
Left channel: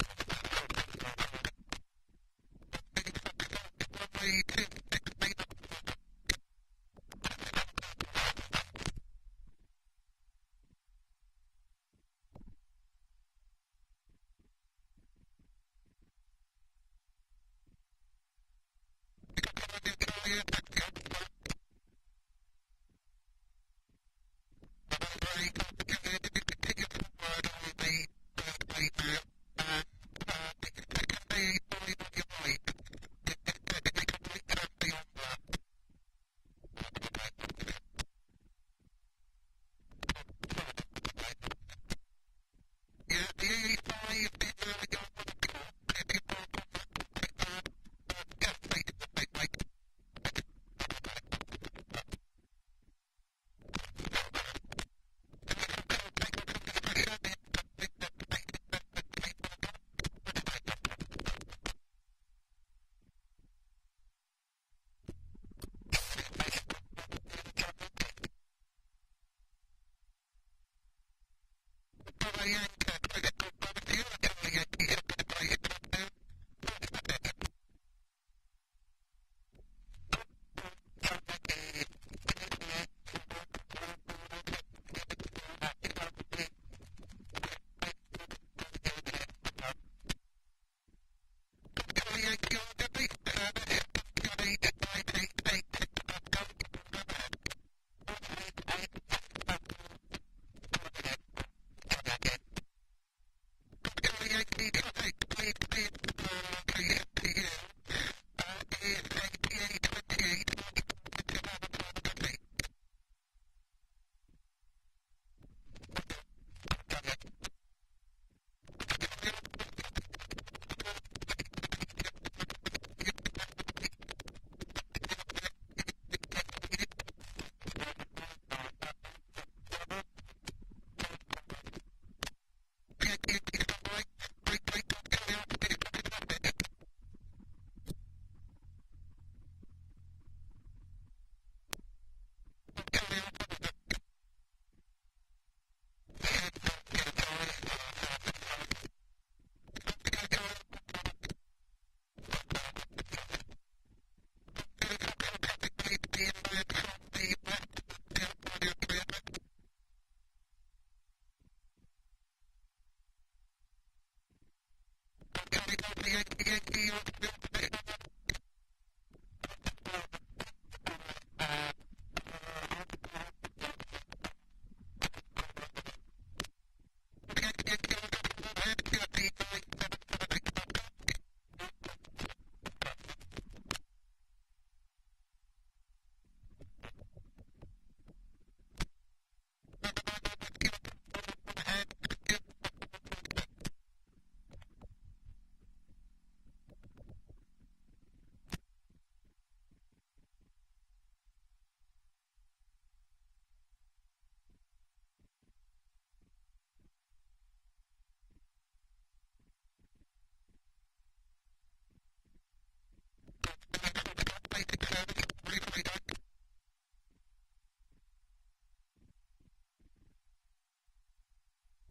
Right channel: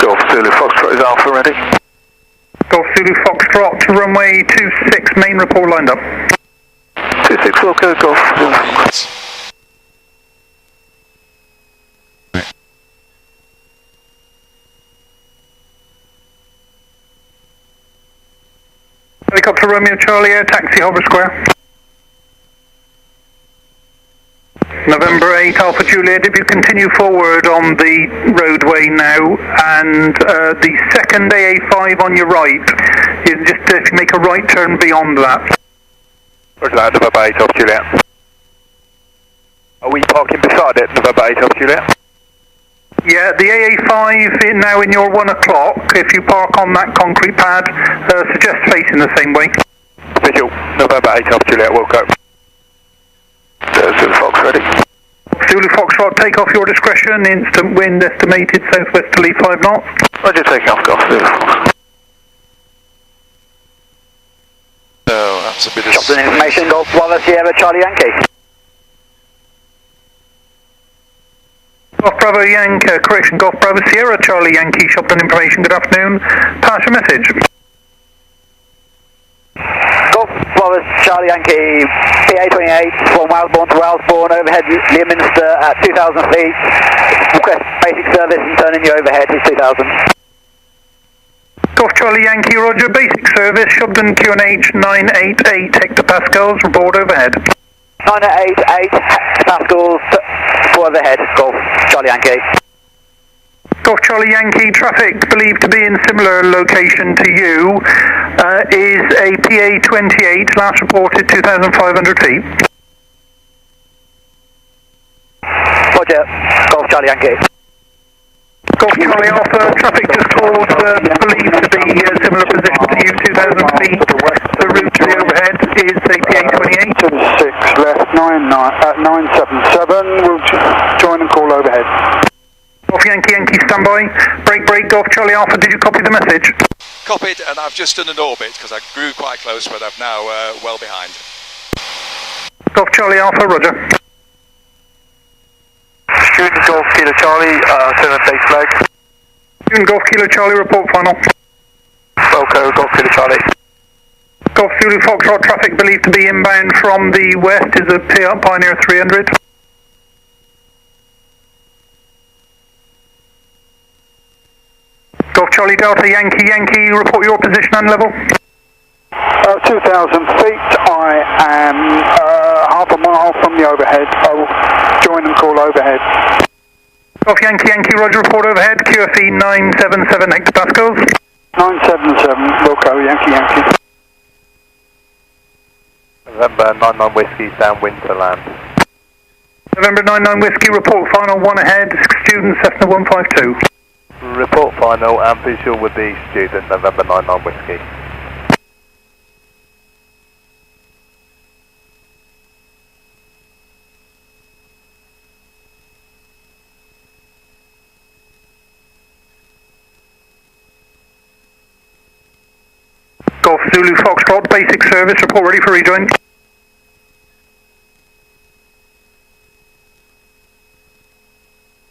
Golf Zulu Foxtrot is Alpha ready. Golf Zulu Foxtrot, runway 26, main report lined up. 26 Wilco, Golf Zulu Foxtrot. Helicopter Romeo Charlie, air taxi Hover Square. November 8 Alpha Juliet, if you continue forward on the roadway now, and the second AA5 on your right, is just if you make a right turn beyond that. Roger that, November 8 Alpha Juliet. Are we parking beside it, November 8 Alpha Juliet? Yeah, the AA5 is now in your 1 o'clock. If you park on that concrete pad, suggest facing the same way. Visual, November 8 Alpha Juliet, Wilco. Zulu Fox ready. Zulu Foxtrot, take off your discretion, instant wind estimated southwesterly 5 knots. Roger, taking off, Golf Zulu Fox. So that's a bit of Shobdon information, Golf Bravo Sierra Charlie Yankee. Golf Bravo Yankee, correction, Golf Bravo Sierra Charlie Yankee, Shobdon information, good afternoon. Pass your message. Golf Bravo Charlie Yankee, PA28 from Wellesbourne to Wellesbourne, overhead Leominster at 2,000 feet. Request basic service and turn in your overhead is 2,000. Golf Charlie Yankee, roger, basic service, Shobdon QNH 988 hectopascals, report overhead. 988 hectopascals for overhead, Golf Charlie Yankee. Golf Charlie Yankee, traffic believed to be in similar location to you is a PA28, last reported 2,500 feet. Roger, Golf Charlie Yankee. Golf Charlie Alpha, traffic just called, believed to be similar position to you, 2,000 feet. The route to the overhead is a PA28. 6 left, 977, we'll join and call overhead. Golf Yankee, Yankee standby. Break, Golf Charlie Alpha, did you copy the message? copied, and I've just done an orbit because I grew quite close, but I'm now well behind. Golf Charlie Alpha, roger. Student Golf Kilo Charlie, turn on base flag. Student Golf Kilo Charlie, report final. Welco, Golf Kilo Charlie. Golf Zulu Foxtrot, traffic believed to be inbound from the west is a Pioneer 300. Golf Charlie Delta Yankee, report your position and level. 2,000 feet, I am half a mile from the overhead. I will join and call overhead. Golf Yankee Yankee, roger, report overhead, QFE 977 hectopascals. 977, Wilco, Yankee Yankee. November 99 Whiskey, downwind to land. November 99 Whiskey, report final, 1 ahead, student Cessna 152. Report final and visual with the student, November 99 Whiskey. Golf Zulu Foxtrot, basic service, report ready for rejoin.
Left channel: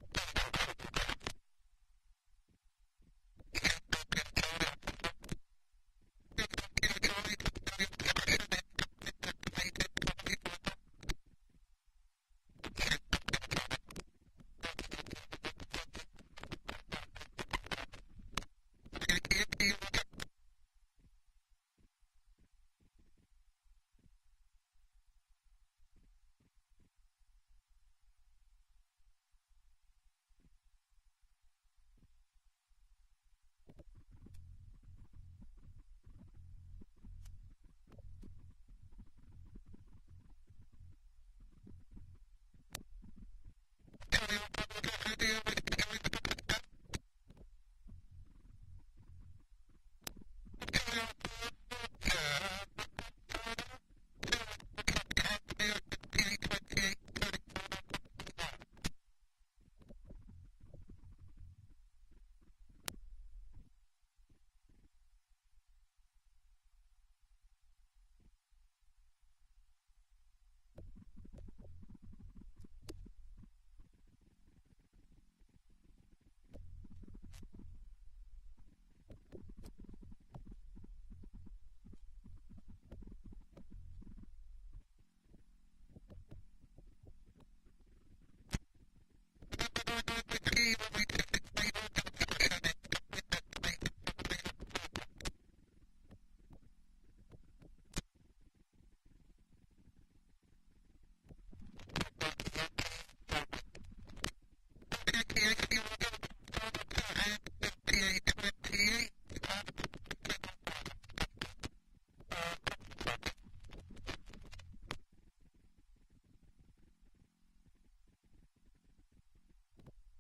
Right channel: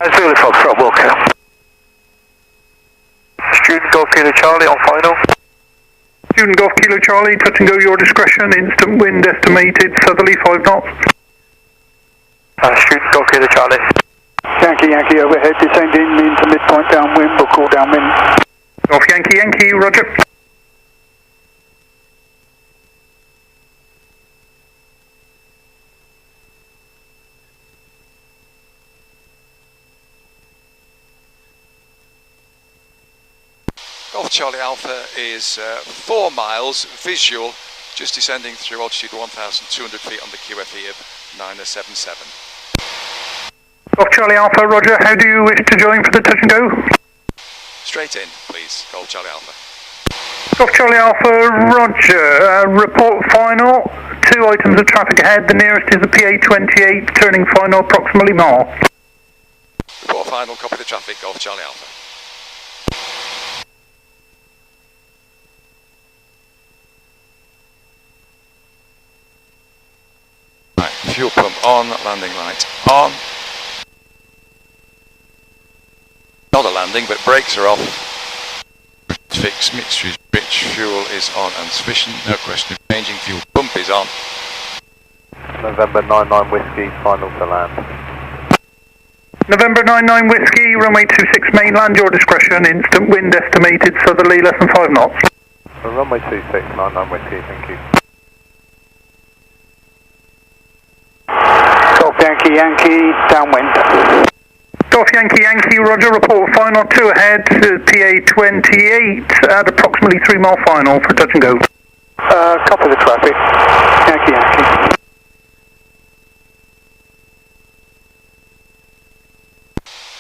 Zulu Foxtrot, Wilco. Student Golf Kilo Charlie on final. Student Golf Kilo Charlie, touch and go your discretion, instant wind estimated southerly 5 knots. Student Golf Kilo Charlie. Yankee Yankee overhead, descending into midpoint downwind, we'll call downwind. Golf Yankee Yankee, roger. Golf Charlie Alpha is 4 miles, visual, just descending through altitude 1,200 feet on the QFE of 977. Golf Charlie Alpha, roger, how do you wish to join for the touch and go? Straight in, please, Golf Charlie Alpha. Golf Charlie Alpha, roger, report final, 2 items of traffic ahead, the nearest is the PA28, turning final approximately mile. Report final, copy the traffic, Golf Charlie Alpha. Right, fuel pump on, landing light on. Not a landing, but brakes are off. Fix, mixture is rich, fuel is on and sufficient, no question of changing, fuel pump is on. November 99 Whiskey, final to land. November 99 Whiskey, runway 26 mainland, your discretion, instant wind estimated southerly less than 5 knots. Runway 26, 99 Whiskey, thank you. Golf Yankee Yankee, downwind. Golf Yankee Yankee, roger, report final, 2 ahead, PA28 at approximately 3 mile final for touch and go. Copy the traffic. Yankee Yankee.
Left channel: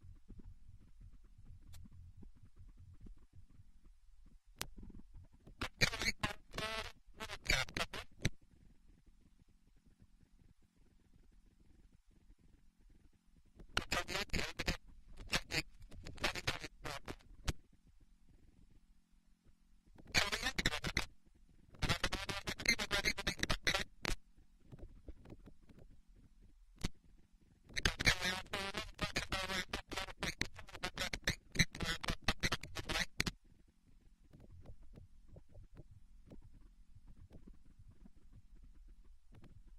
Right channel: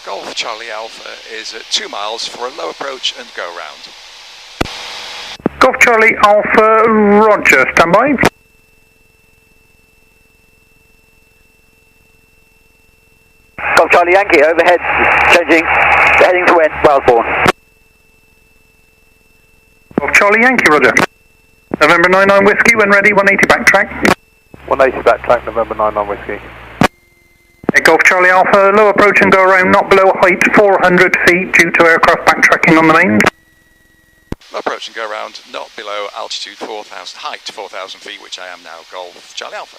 Golf Charlie Alpha is at 2 miles for a low approach and go round. Golf Charlie Alpha, roger, standby. Golf Charlie Yankee, overhead, changing, heading to Wellesbourne. Golf Charlie Yankee, roger. November 99 Whiskey, when ready, 180 backtrack. 180 backtrack, November 99 Whiskey. Golf Charlie Alpha, low approach and go around, not below height 400 feet due to aircraft backtracking on the mains. Low approach and go round, not below altitude 4,000, height 4,000 feet, which I am now, Golf Charlie Alpha.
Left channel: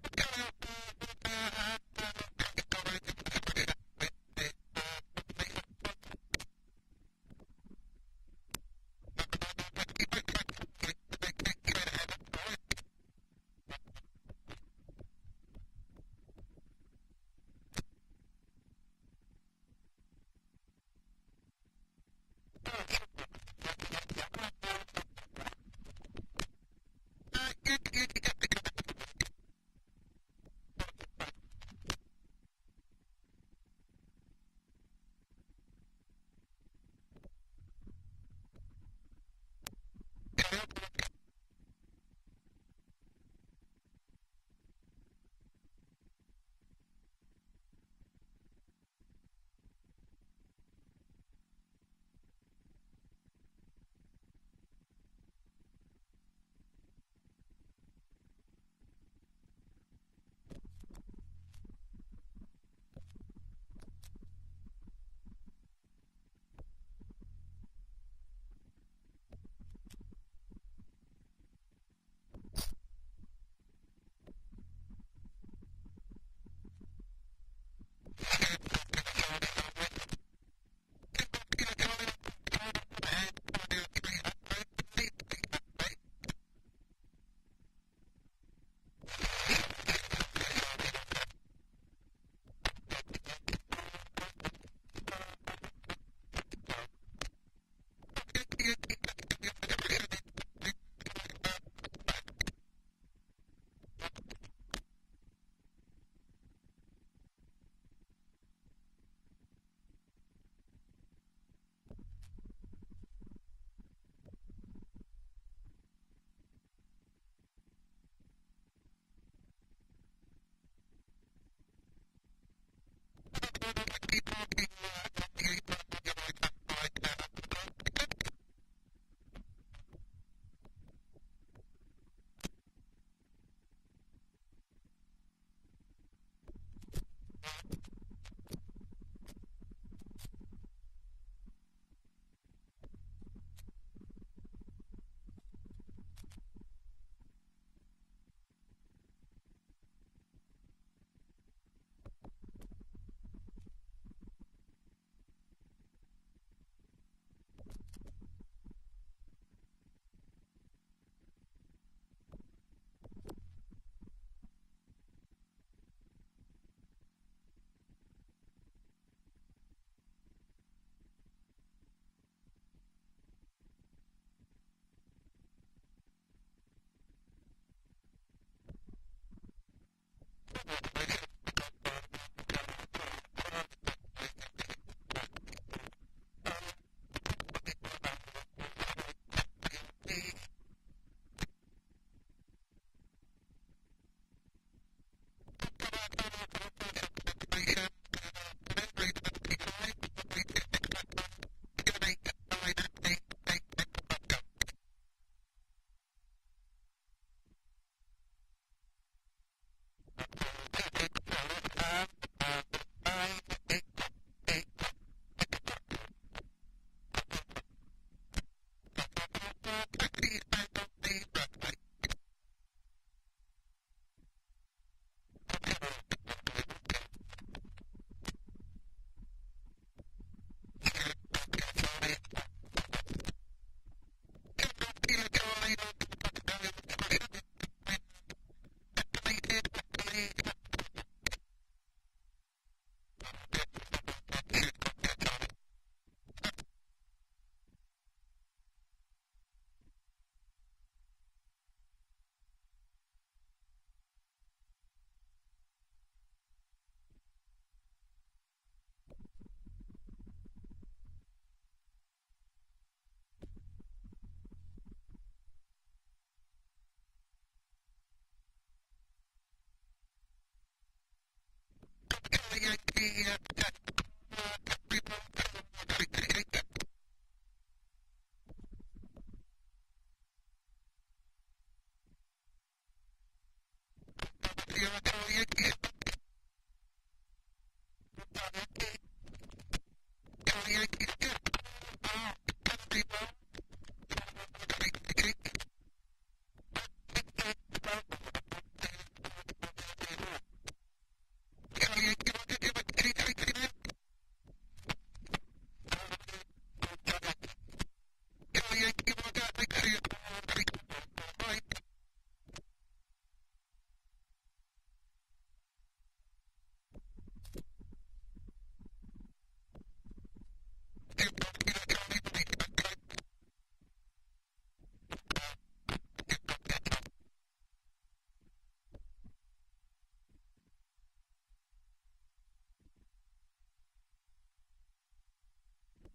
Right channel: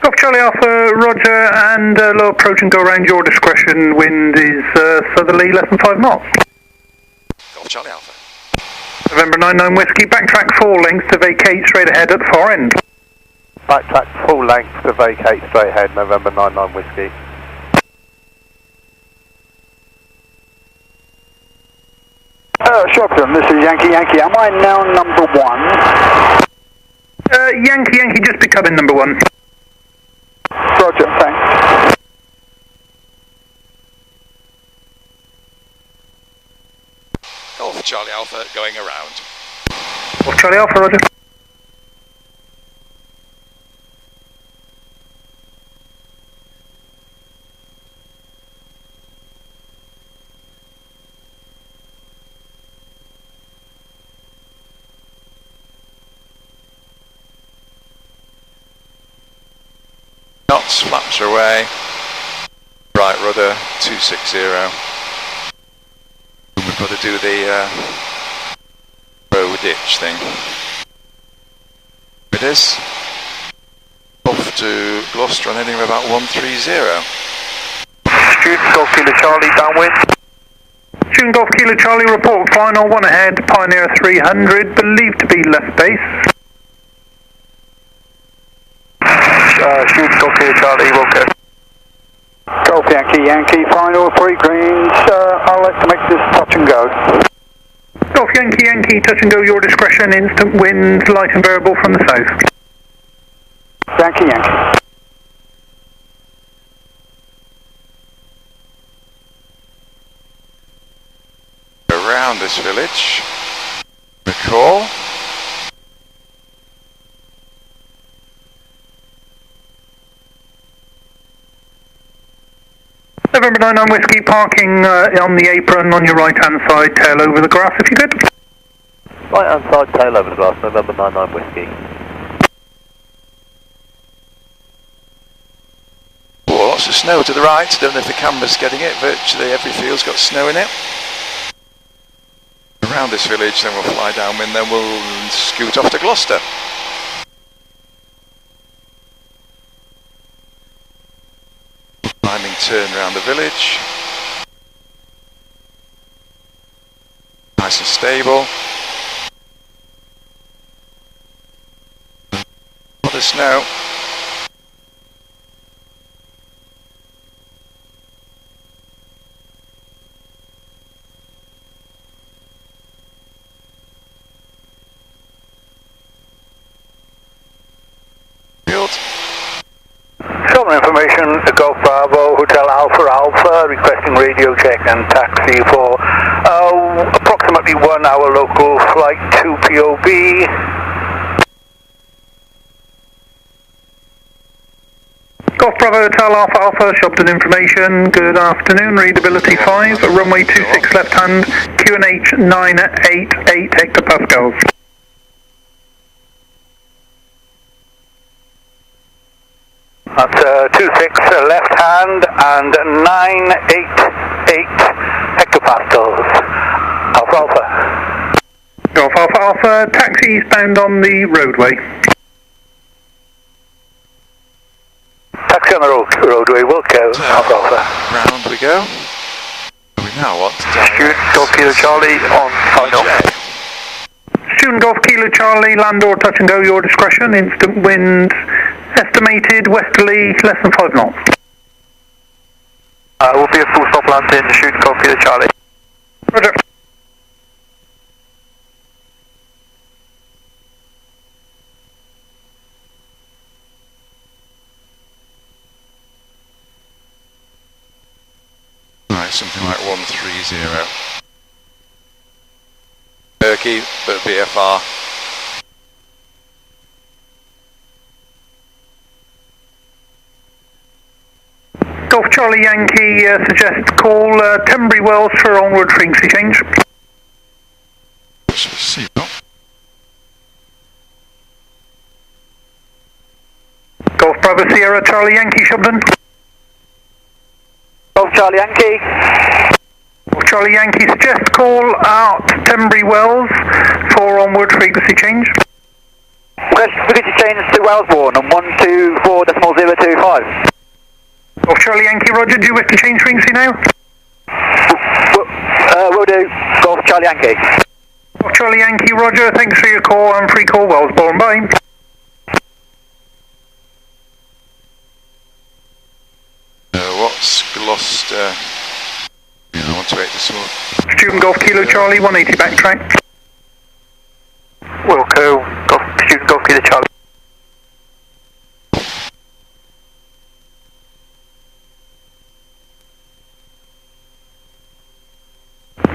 Golf Charlie Alpha, roger, and low approach and go around, your discretion, wind is southerly less than 5 knots. Golf Charlie Alpha. November 99 Whiskey, backtrack 4 lengths to vacate straight ahead at the far end. Backtrack full length to vacate straight ahead, November 99 Whiskey. Shobdon, this is Yankee Yankee. Am I now number 1? Yankee Yankee, just becoming number 1. Roger, thanks. Golf Charlie Alpha going around. Golf Charlie Alpha, roger. Knots, flaps away. Right rudder, 260. We've got to do the road ditch thing. It is. Off to Gloucester on heading about 130. Student Golf Kilo Charlie, downwind. Student Golf Kilo Charlie, report final, 1 ahead, Pioneer 300, believed to be left base. Student Golf Kilo Charlie, Wilco. Golf Yankee, Yankee, final 3 greens. I'll let to make this touch and go. Golf Yankee, Yankee, touch and go, your discretion, instant wind, light and variable from the south. Yankee, Yankee. Around this village, the call. November 99 Whiskey, parking on the apron on your right hand side, tail over the grass if you could. Right hand side, tail over the grass, November 99 Whiskey. Oh, lots of snow to the right. Don't know if the camera's getting it. Virtually every field's got snow in it. Around this village, then we'll fly downwind, then we'll scoot off to Gloucester. Climbing turn around the village. Nice and stable. What the snow. Some information, Golf Bravo, Hotel Alpha Alpha, requesting radio check and taxi for approximately 1 hour local flight to POB. Golf Bravo Hotel Alpha Alpha, Shobdon information, good afternoon, readability 5, runway 26 left hand, QNH 988 hectopascals. That's 26 left hand and 988 hectopascals. Alpha Alpha. Golf Alpha Alpha, taxi eastbound on the roadway. Taxi on the roadway, Wilco, Alpha Alpha. Round we go. We now want to Student Golf Kilo Charlie on final. Student Golf Kilo Charlie, land or touch and go, your discretion, instant wind, estimated westerly less than 5 knots. Will be a full stop landing, Student Golf Kilo Charlie. Roger. Right, something like 130. Turkey, but VFR. Golf Charlie Yankee suggests call Tenbury Wells for onward frequency change. Golf Bravo Sierra Charlie Yankee Shobdon. Golf Charlie Yankee. Golf Charlie Yankee suggests call out Tenbury Wells for onward frequency change. Frequency change to Wellesbourne on 124.025. Golf Charlie Yankee Roger, do you wish to change frequency now? Will do. Golf Charlie Yankee. Golf Charlie Yankee Roger, thanks for your call and free call Wellesbourne, bye. What's Gloucester? Yeah, I want to wait this one. Student Golf Kilo Charlie, 180 backtrack. Wilco, Student Golf Kilo Charlie.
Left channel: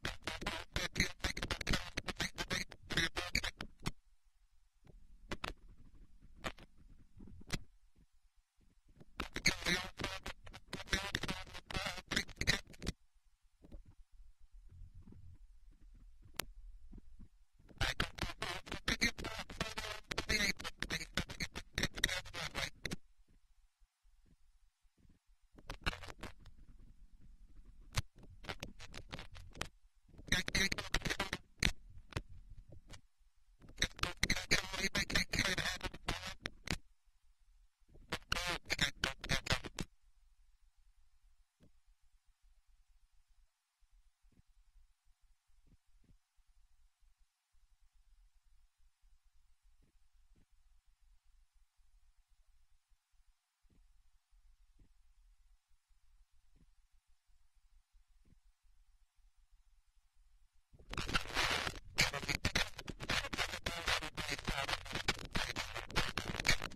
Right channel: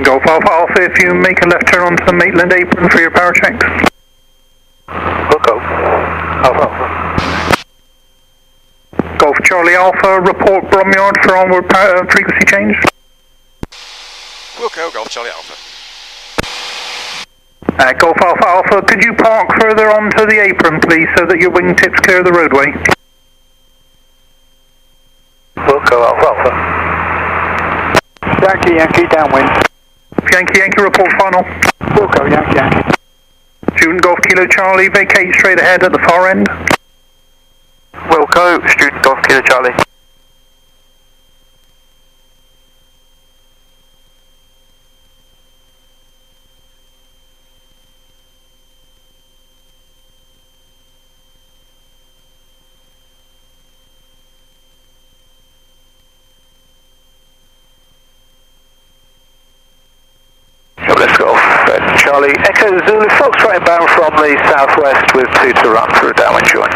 Golf Alpha Alpha, if you make a left turn onto the Maitland apron for your power checks. Wilco, Alpha Alpha. Golf Charlie Alpha, report Bromyard for onward power, frequency change. Wilco, Golf Charlie Alpha. Golf Alpha Alpha, could you park further onto the apron, please, so that your wingtips clear the roadway? Wilco, Alpha Alpha. Yankee, Yankee, downwind. Yankee, Yankee, report final. Wilco, Yankee, Yankee. Student Golf Kilo Charlie, vacate straight ahead at the far end. Wilco, Student Golf Kilo Charlie. Zulu Foxtrot inbound from the southwest with 2 to run for a downwind join.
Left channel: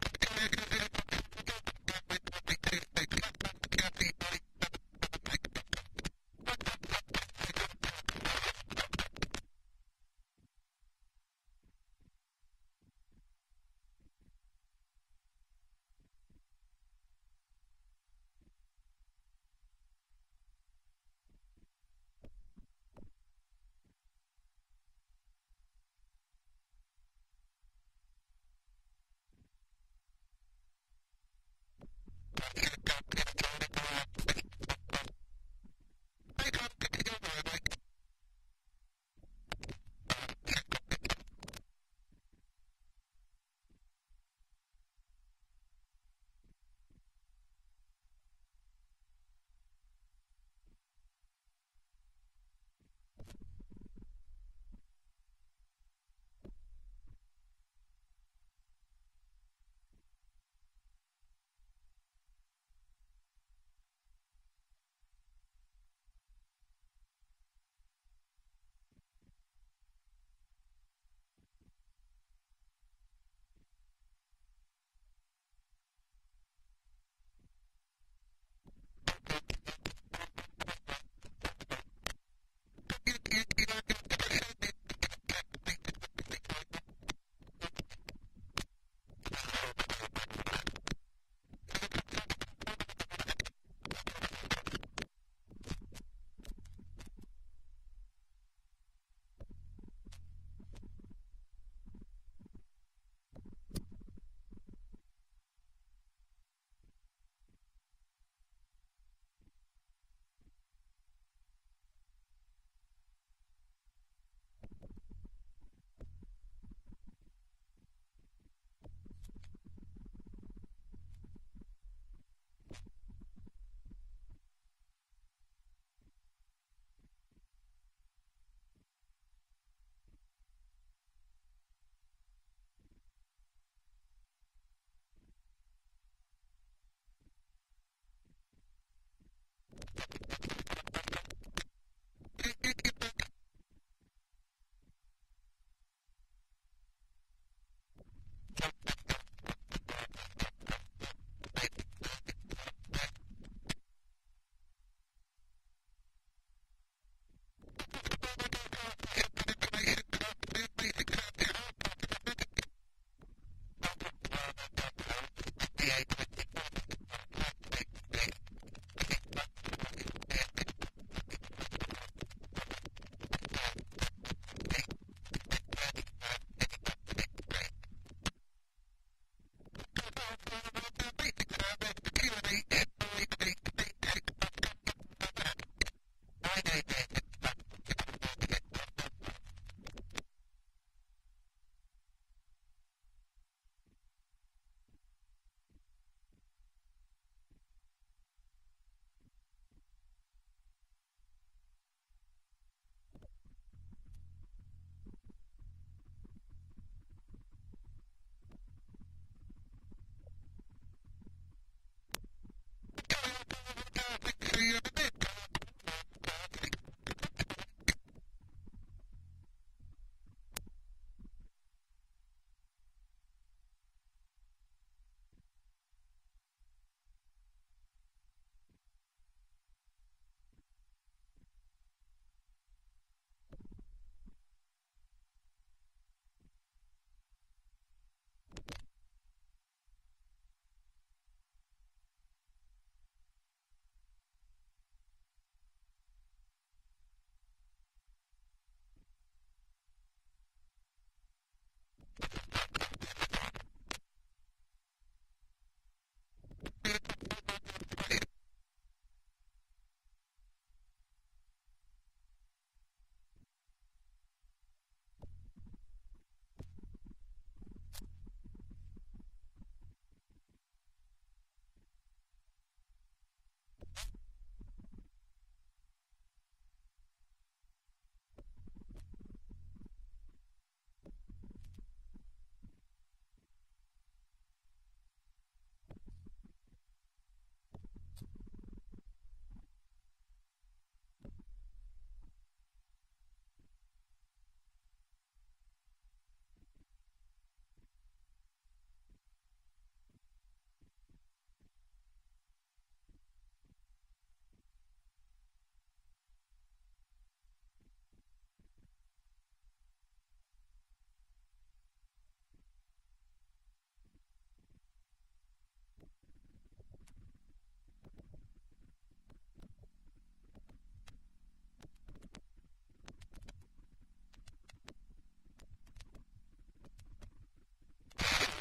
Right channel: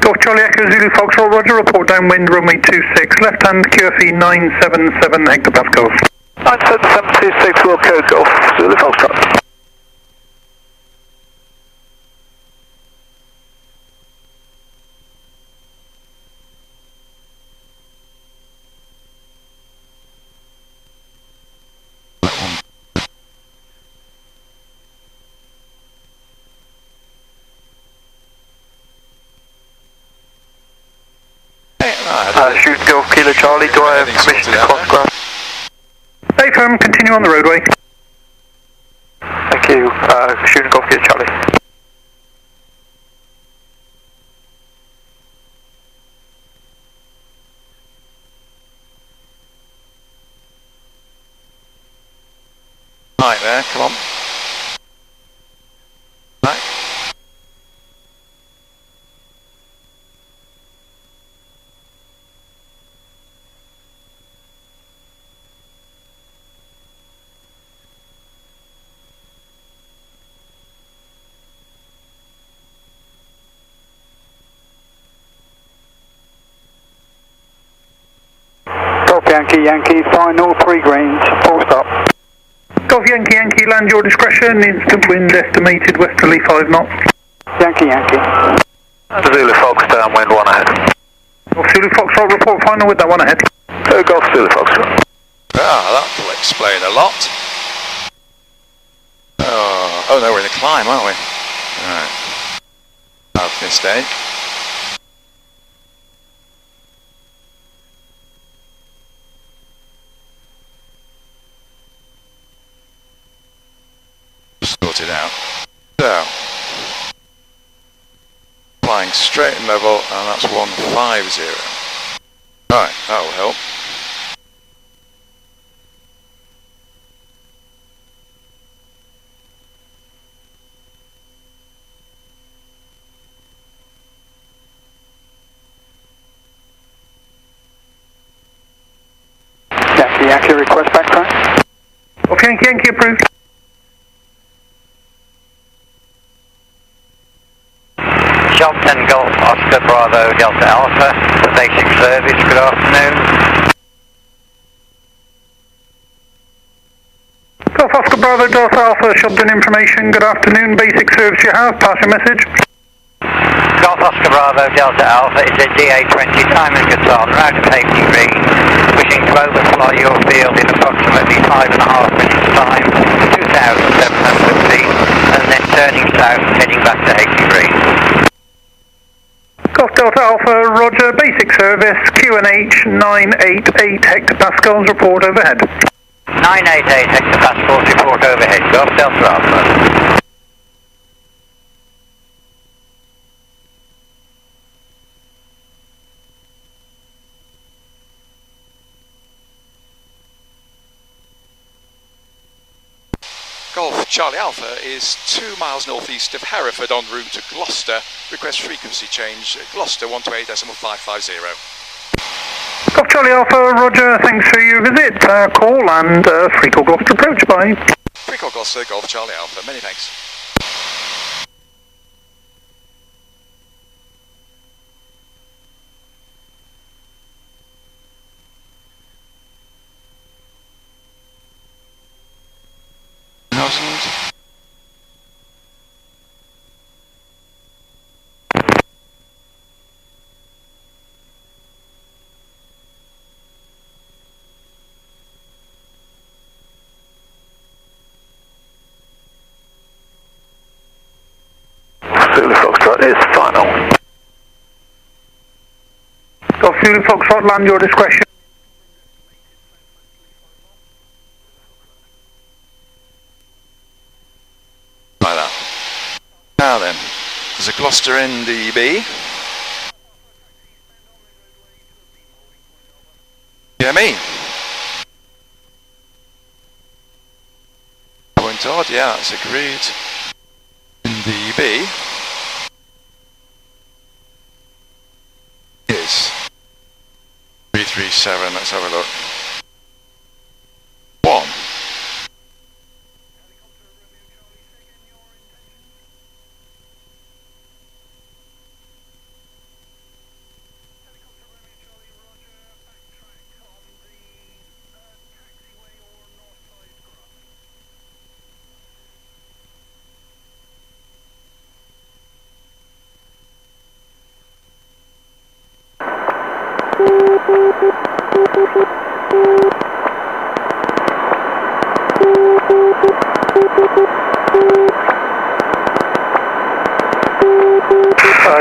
Golf Charlie Echo Zulu Foxtrot, roger, report downwind runway 26, left hand QFE 977 hectopascals. 97726 will code Golf Zulu Foxtrot. Shoot Golf Kilo Charlie, do I have permission to cross ground? Stay firm, continue on the roadway. Thank you, shooting Golf Kilo Charlie. Right there, come on. Right. Yankee, final 3 greens, full stop. Golf Yankee, land your discretion, instant wind estimated westerly 5 knots. Yankee. Zulu Fox downwind 1 ahead. Golf Zulu Foxtrot, report final with that 1 ahead. Golf Zulu Foxtrot. Ah, that'll explain a lot. Oh no, we're in a climb, aren't we? Alright. Bad mistake. Sorted out. So, flying straight and level, and that's 150. Right, that'll help. Yankee, request backtrack. Golf Yankee approved. Shobdon Golf Oscar Bravo Delta Alpha for basic service, good afternoon. Golf Oscar Bravo Delta Alpha, Shobdon information, good afternoon, basic service you have, pass your message. Golf Oscar Bravo Delta Alpha is a DA20 Diamond Guitar, route of Hackney Green, wishing to overfly your field in approximately 5.5 minutes time, 2,700 feet, and then turning south heading back to Hackney Green. Golf Delta Alpha, roger, basic service, QNH 988 hectopascals, report overhead. 988 hectopascals, report overhead, Golf Delta Alpha. Golf Charlie Alpha is 2 miles northeast of Hereford en route to Gloucester. Request frequency change, Gloucester 128.550. Golf Charlie Alpha, roger, thanks for your visit, call and free call Gloucester approach, bye. Free call Gloucester, Golf Charlie Alpha, many thanks. Zulu Foxtrot is final. Golf Zulu Foxtrot, land your discretion. Like that. Now then, there's a Gloucester NDB. Yeah, me. Point odd, yeah, that's agreed. NDB is 337, let's have a look. 1.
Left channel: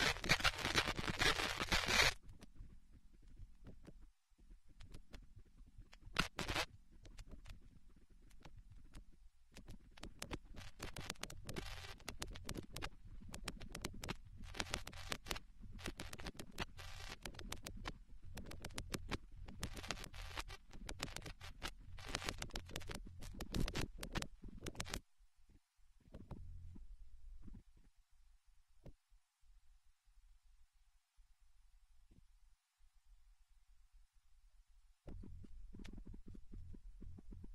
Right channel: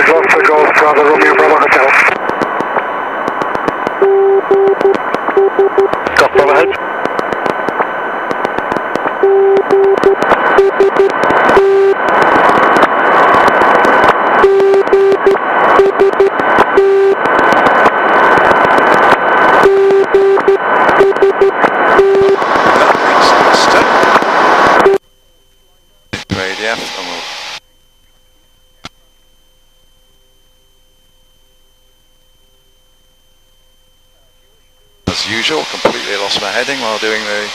Gloucester Golf Bravo Romeo Bravo Hotel. Golf Bravo ahead. As usual, completely lost my heading while doing the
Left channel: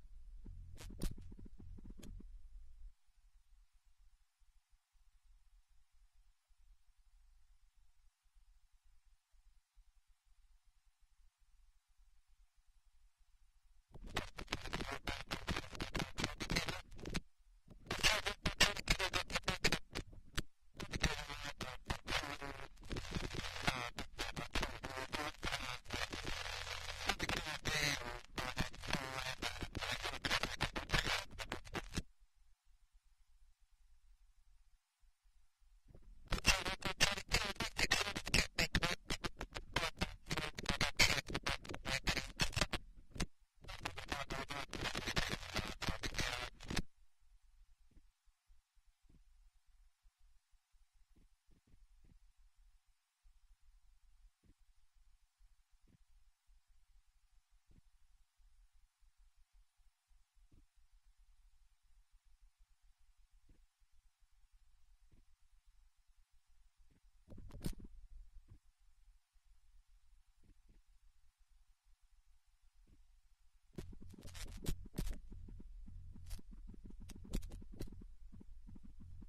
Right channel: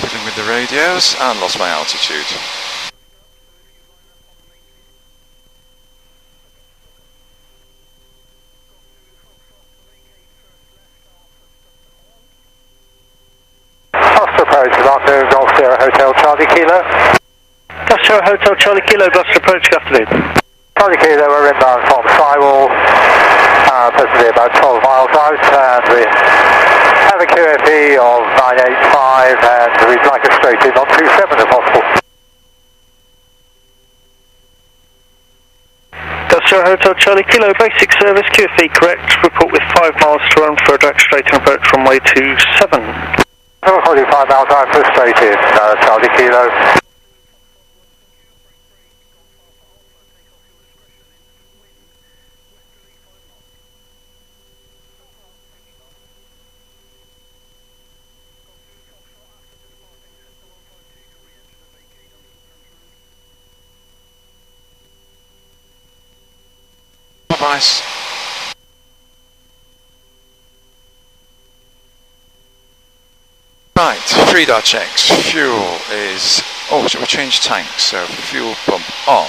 fiddling with the radios and lost my altitude. Gloucester approach, Gloucester Golf Sierra Hotel Charlie Kilo. Gloucester Hotel Charlie Kilo, Gloucester approach, good afternoon. Charlie Kilo, we're inbound from Skywall, presently about 12 miles out, and we have a QFE of 985, and we'd like a straight in on 27 if possible. Gloucester Hotel Charlie Kilo, basic service, QFE correct, report with 5 miles to run for a direct straight in approach runway 27. We're 45 miles out for a straight in, Charlie Kilo. Nice. Right, 3-dot checks. Fuel is... Oh, should we change tanks? So, fuel pump on.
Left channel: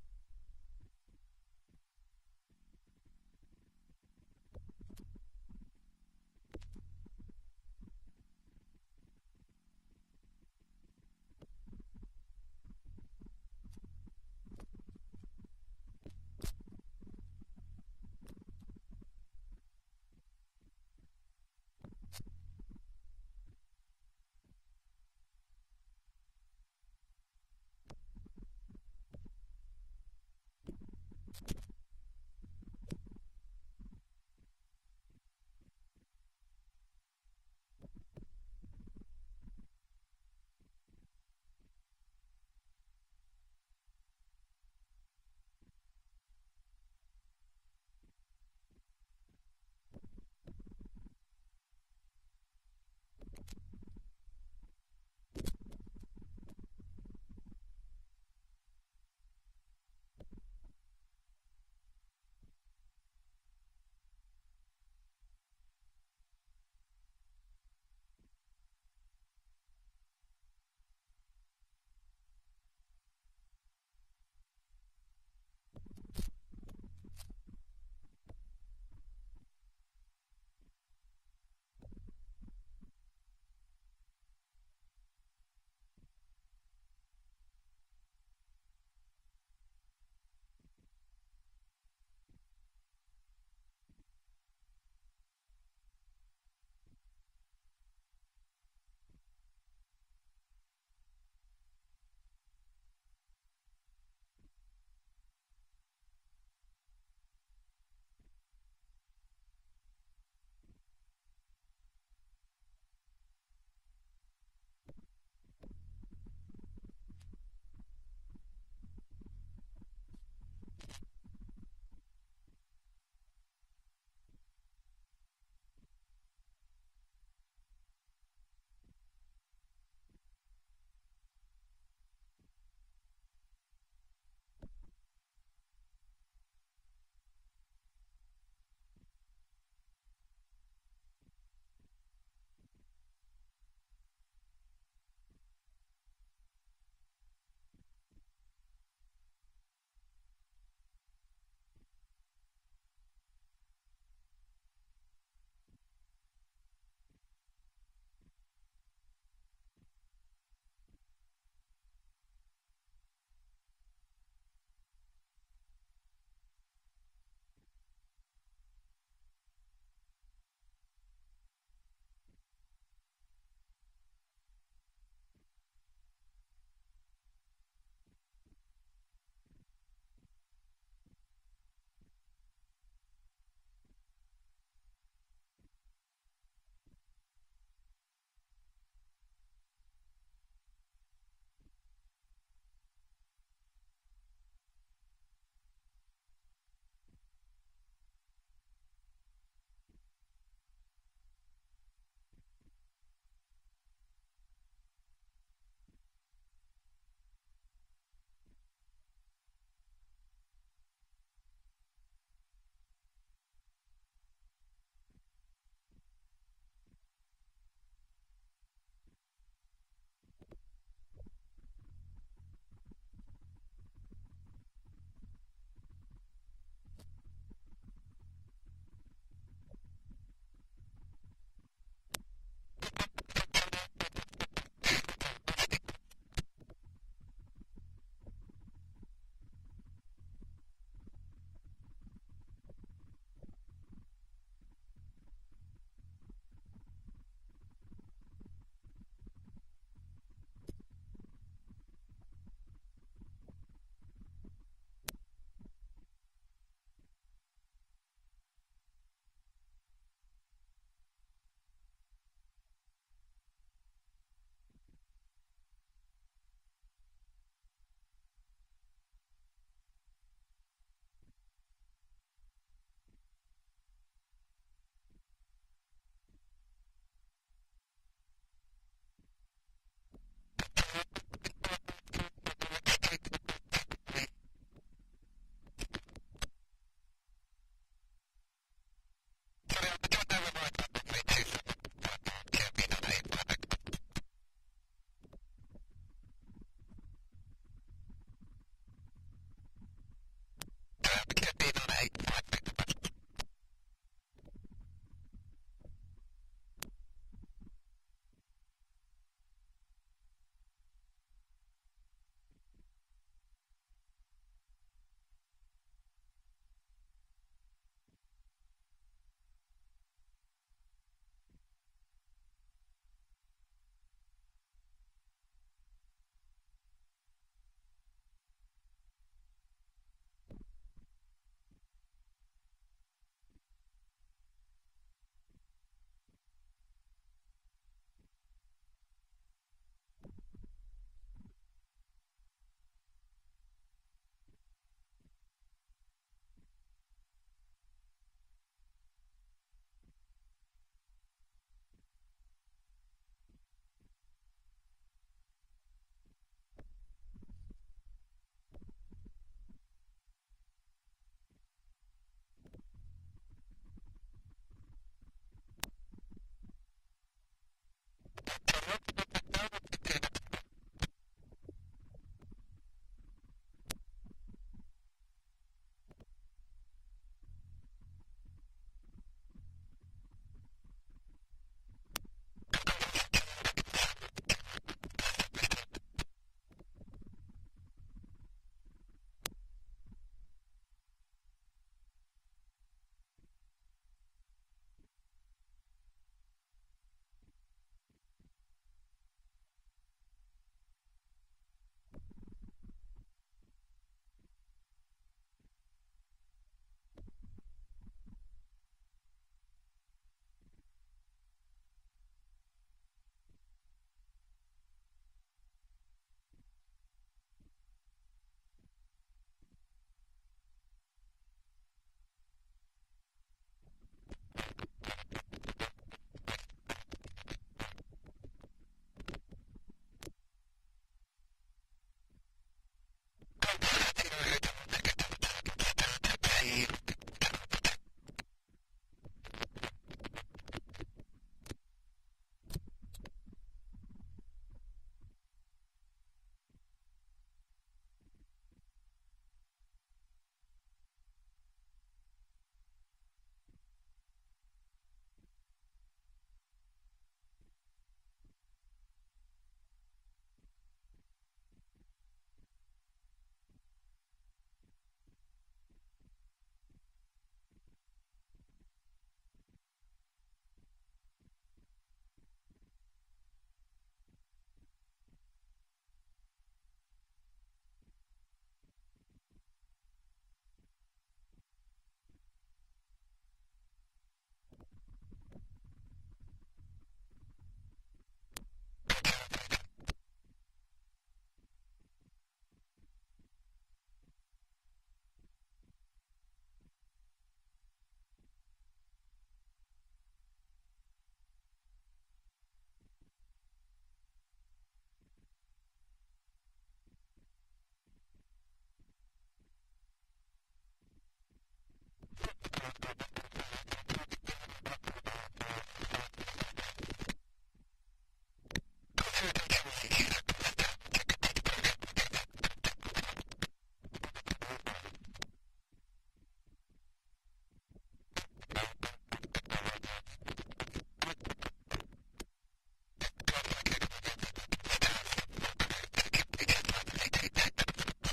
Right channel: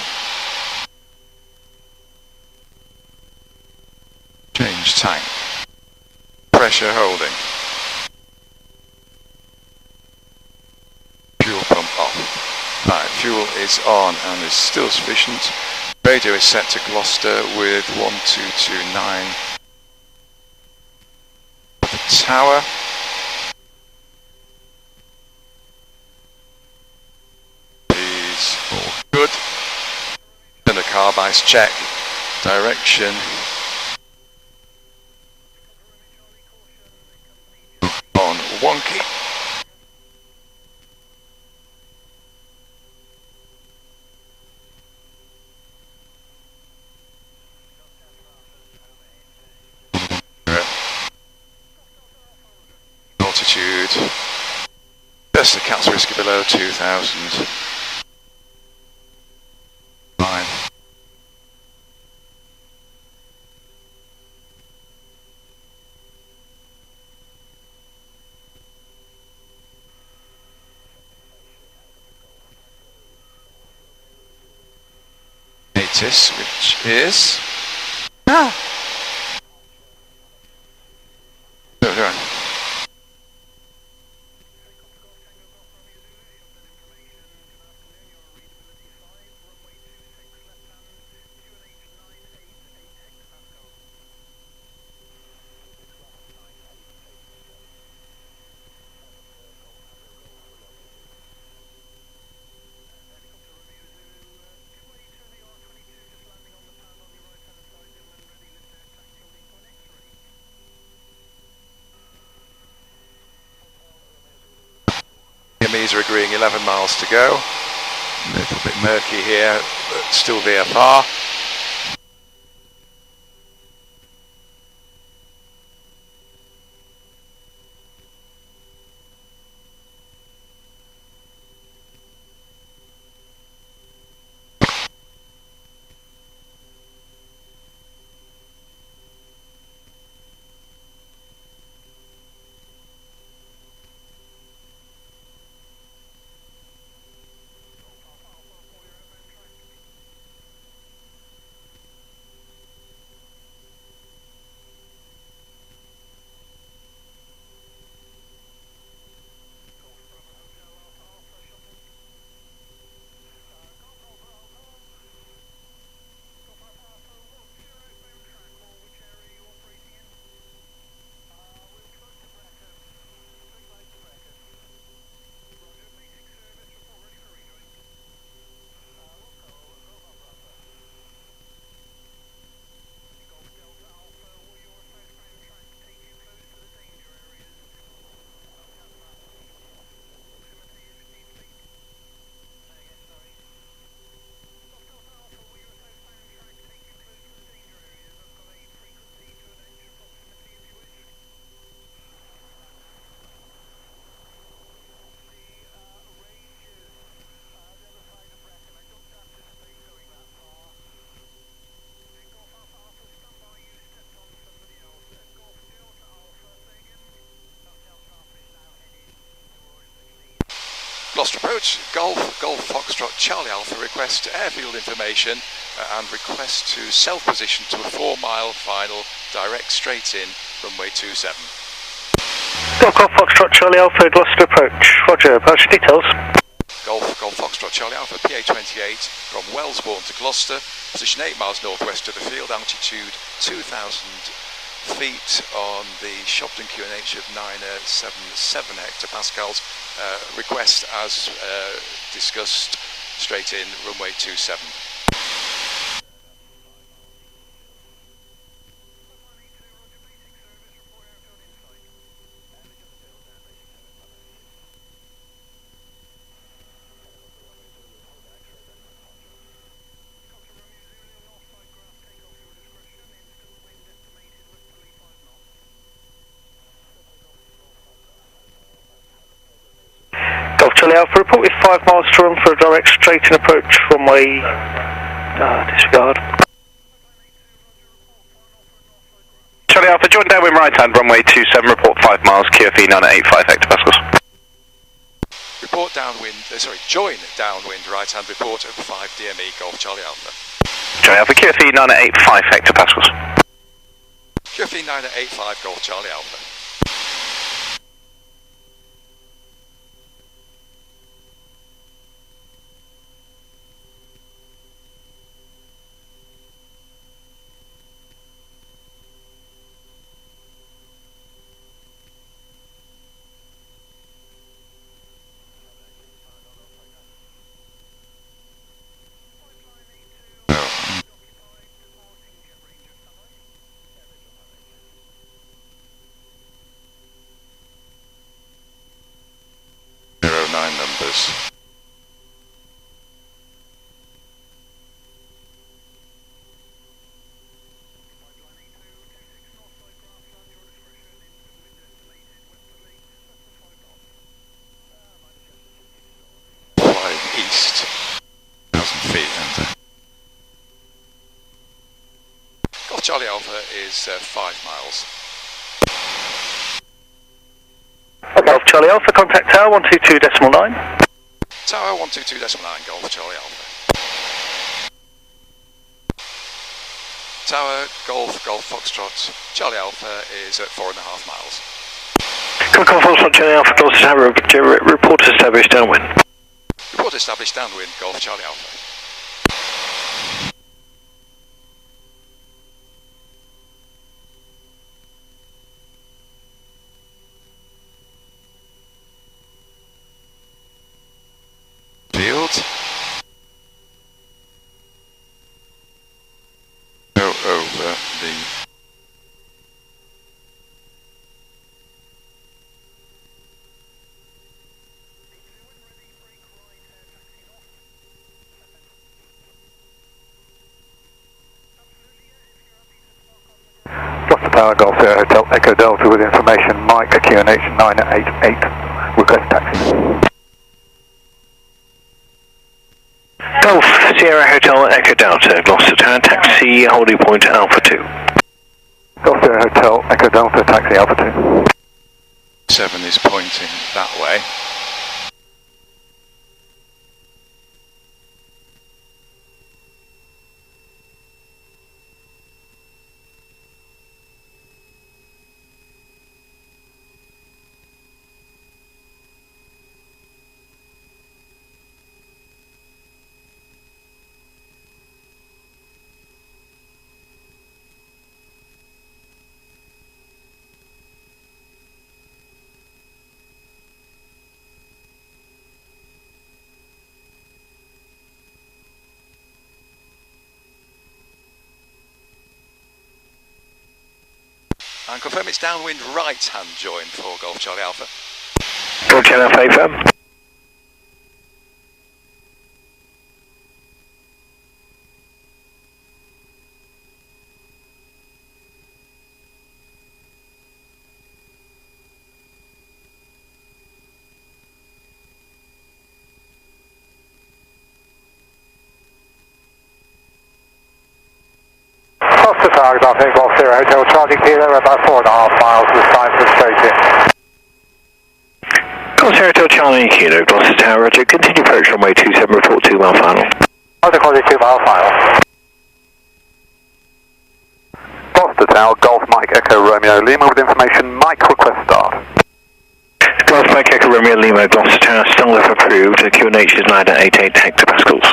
Change tank. Pressure holding. Fuel pump off. Right, fuel is on and is still sufficient. Radio is set to Gloucester with 1229. The tower. Is all good. And a carbice check. Direction. On wonky. Altitude, just the cat's whiskey below 2000. Fine. Natus, which is... Ah! No, no. Vietnamese are agreeing 11 miles to go. A little bit murky here, but still VFR. Gloucester approach, Golf Foxtrot Charlie Alpha, request airfield information and request to self-position to a 4-mile final, direct straight in, runway 27. Golf Foxtrot Charlie Alpha, Gloucester approach. Roger, approach details. Golf Foxtrot Charlie Alpha, PA28 from Wellesbourne to Gloucester, position 8 miles northwest of the field, altitude 2,000 feet on the Shobdon QNH of 977 hectopascals. Request as discussed, straight in, runway 27. Charlie Alpha, report with 5 miles to run for a direct straight-in approach runway, disregard. Charlie Alpha, join downwind right hand, runway 27, report 5 miles, QFE 985 hectopascals. Report downwind, join downwind right hand, report of 5 DME, Golf Charlie Alpha. Charlie Alpha, QFE 985 hectopascals. QFE 985, Golf Charlie Alpha. Numbers. Flying east, 1,000 feet. Golf Charlie Alpha is 5 miles. Golf Charlie Alpha, contact tower 122.9. Tower 122.9, Golf Charlie Alpha. Tower, Golf Foxtrot Charlie Alpha is at 4.5 miles. Golf Foxtrot Charlie Alpha, Gloucester Tower, report established downwind. Report established downwind, Golf Charlie Alpha. Field. Go over the Gloucester Tower, Golf Sierra Hotel, Echo Delta with information, Mike, QNH 988, request taxi. Golf Sierra Hotel, Echo Delta, Gloucester Tower, taxi, holding point Alpha 2. Golf Sierra Hotel, Echo Delta, taxi Alpha 2. 7 is pointing that way. And confirm it's downwind right hand join for Golf Charlie Alpha. Golf Charlie Alpha, Gloucester Tower, Golf Sierra Hotel, Charlie Kilo, about 4.5 miles this time for straight in. Golf Sierra Hotel, Charlie Kilo, Gloucester Tower, Roger. Continue approach runway 27, report 2 mile final. Roger, call 2 mile final. Gloucester Tower, Golf Mike Echo Romeo Lima with information, Mike request start. Golf Mike Echo Romeo Lima, Gloucester Tower, still if approved, QNH is 988 hectopascals.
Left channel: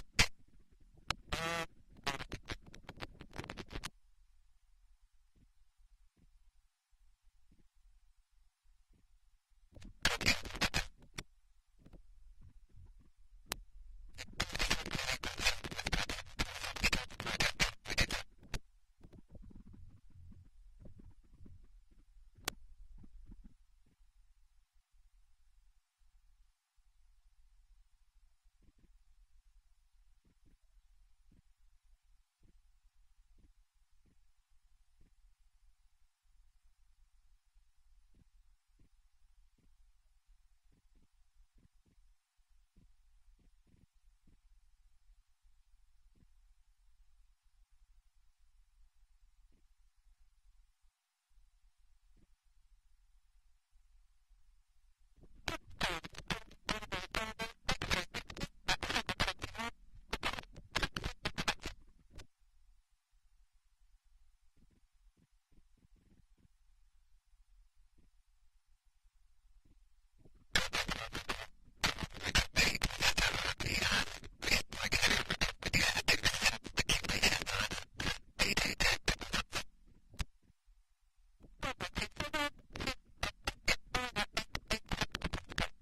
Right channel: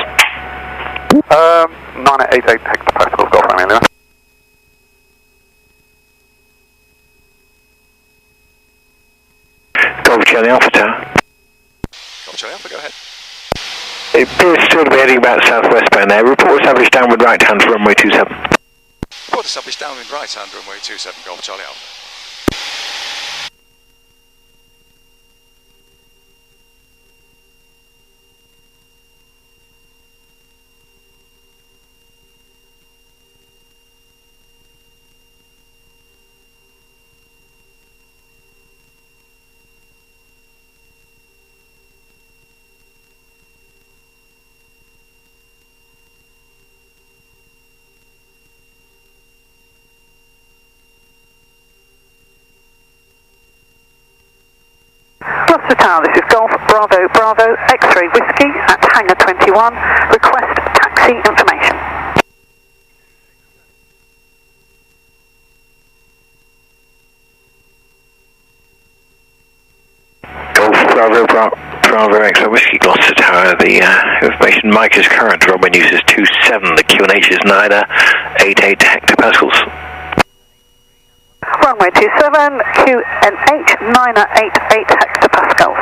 988 hectopascals, Golf Romeo Lima. Golf Charlie Alpha Tower. Golf Charlie Alpha, go ahead. It appears still to be heading about southwest bound there. Report established downward right hand for runway 27. Report established downwind right hand, runway 27, Golf Charlie Alpha. Gloucester Tower, this is Golf Bravo Bravo X-ray Whiskey at Hangar 21. Request taxi information. Golf Bravo Bravo X-ray Whiskey, Gloucester Tower. The information Mike is current. Runway news is 27. The QNH is 988 hectopascals. Runway 27, QNH 988 hectopascals.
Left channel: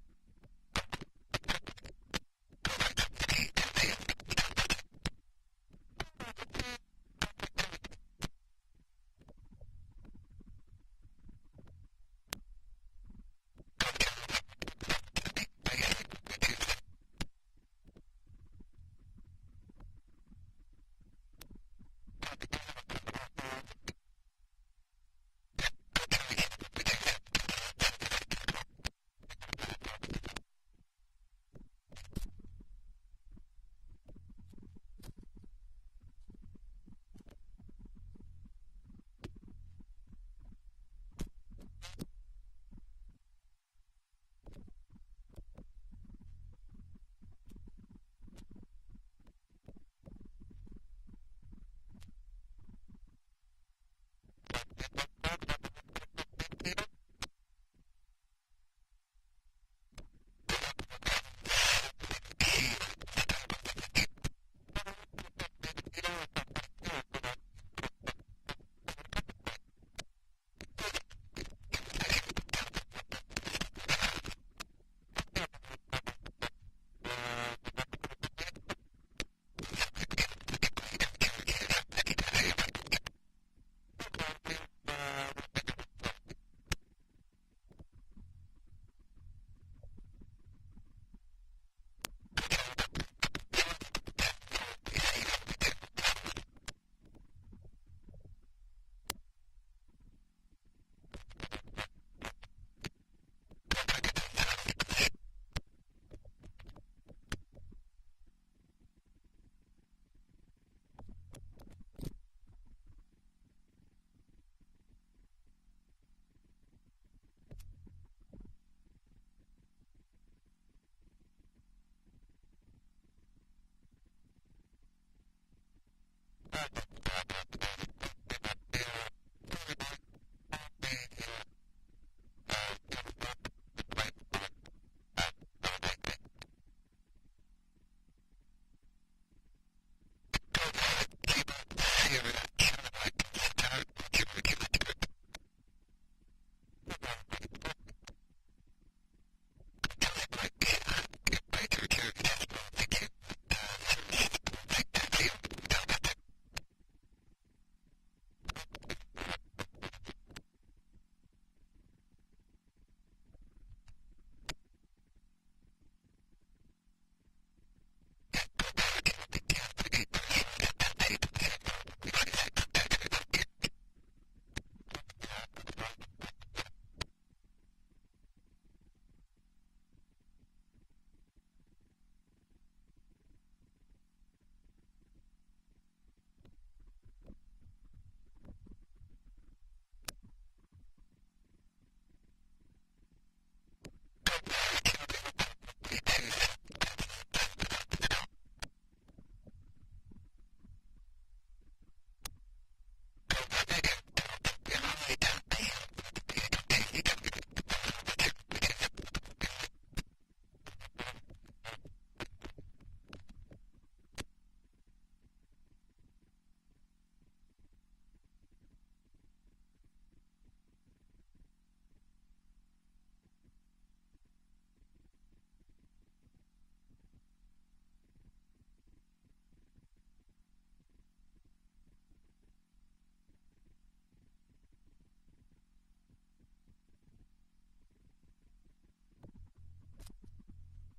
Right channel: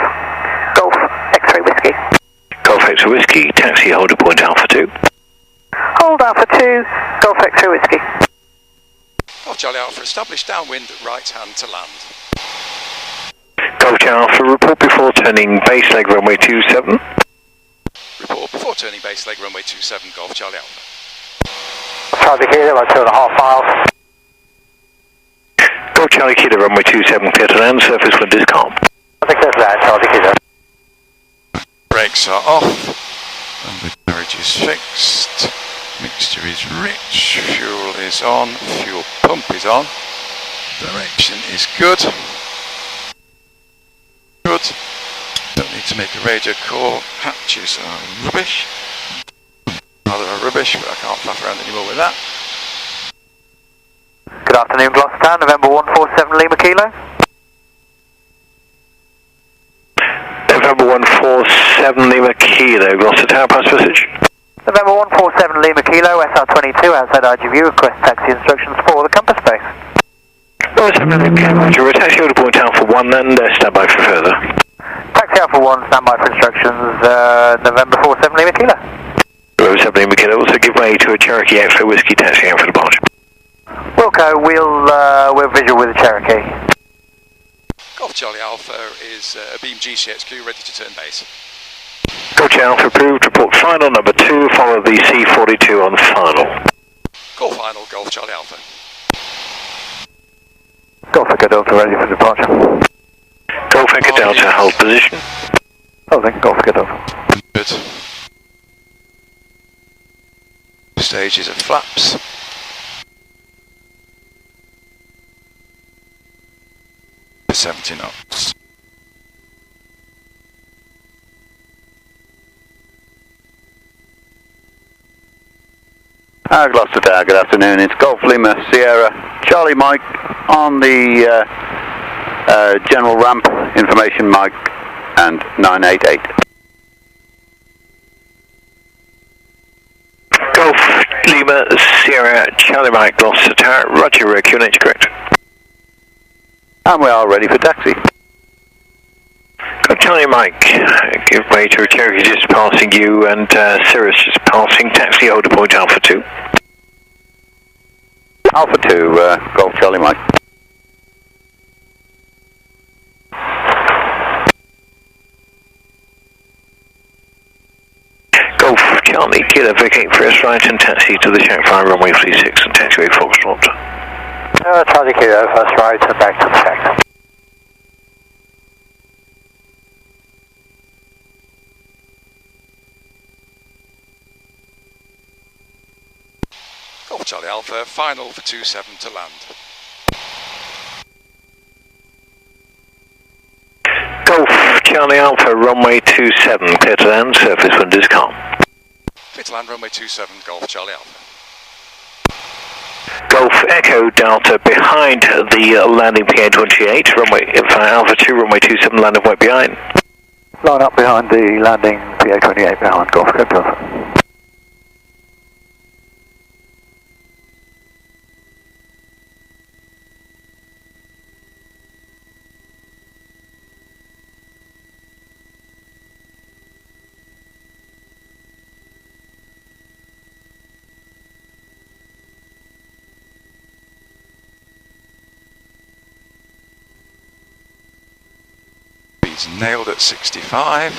Golf X-ray Whiskey. Golf X-ray Whiskey, taxi holder point Alpha 2. Hold Alpha 2, Golf X-ray Whiskey. Golf Charlie Alpha, established downwind right hand to land. Golf Charlie Alpha, report before turning base leg runway 27. Report before turning base leg runway 27, Golf Charlie Alpha. Charlie Kilo, about 2.5 miles. Golf Charlie Kilo, runway 27, clear to land, surface wind is calm. I think that's that, Charlie Kilo. Brakes are off, and the carriage is fixed, mixture is rich, fuel is on, fuel pump is on, direction is good, don't need to make a radio call, hatches are rubbish, rather are rubbish, but I can't faff around anymore with that. Good afternoon, Gloucester Tower, November 147 Lima Kilo. November 147 Lima Kilo, Gloucester Tower, pass message. November 147 Lima Kilo, SR22 outside IGV, request taxi instructions for the compass base. Oh, 7 Lima Kilo, Roger, taxi holder point Alpha 1 and stand by for further. Taxi Alpha 1, stand by for instructions, November 47 Lima Kilo. November 7 Lima Kilo, also give way to a Cherokee X-ray Whiskey taxi out for departure. Wilco, we'll visual with the Cherokee. Golf Charlie Alpha is a beam GCXQ ready to turn base. Golf Charlie Alpha approved, report final number 2, follow the C42 on final. Call final, Golf Charlie Alpha. Golf Echo Delta ready for departure. Golf Echo Delta, hold position. Oh, then Golf Echo Delta. Good. Stages of flaps. For 70 knots. Gloucester Tower, good afternoon. It's Golf Lima Sierra Charlie Mike on the general ramp, information Mike and 988. Golf Lima Sierra Charlie Mike, Gloucester Tower, Roger, QNH correct. And we are ready for taxi. Golf Charlie Mike, give way to a Cherokee just passing you and Cirrus just passing, taxi holder point Alpha 2. Alpha 2, Golf Charlie Mike. Golf Charlie, Kilo, vacate first right and taxi to the shack 5 runway 36 and taxiway Foxtrot. Charlie Kilo, first right and back to the shack. Golf Charlie Alpha, final for 27 to land. Golf Charlie Alpha, runway 27, clear to land, surface wind is calm. Clear to land, runway 27, Golf Charlie Alpha. Golf Echo Delta behind the landing PA28, runway Alpha 2, runway 27, landing right behind. Line up behind the landing PA28 behind Golf Echo Delta. Speed's nailed at 65.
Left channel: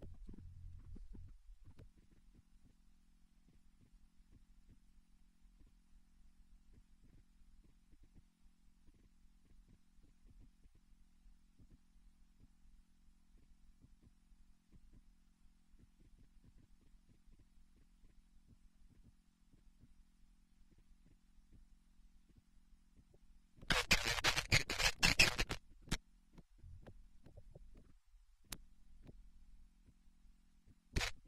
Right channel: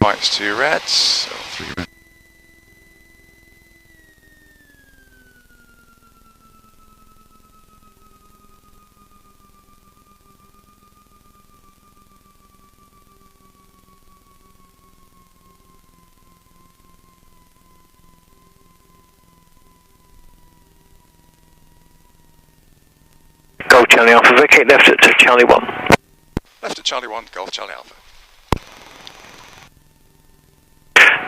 Whites, 2 reds, or 3 reds. Golf Charlie Alpha, vacate left at Charlie 1. Left at Charlie 1, Golf Charlie Alpha.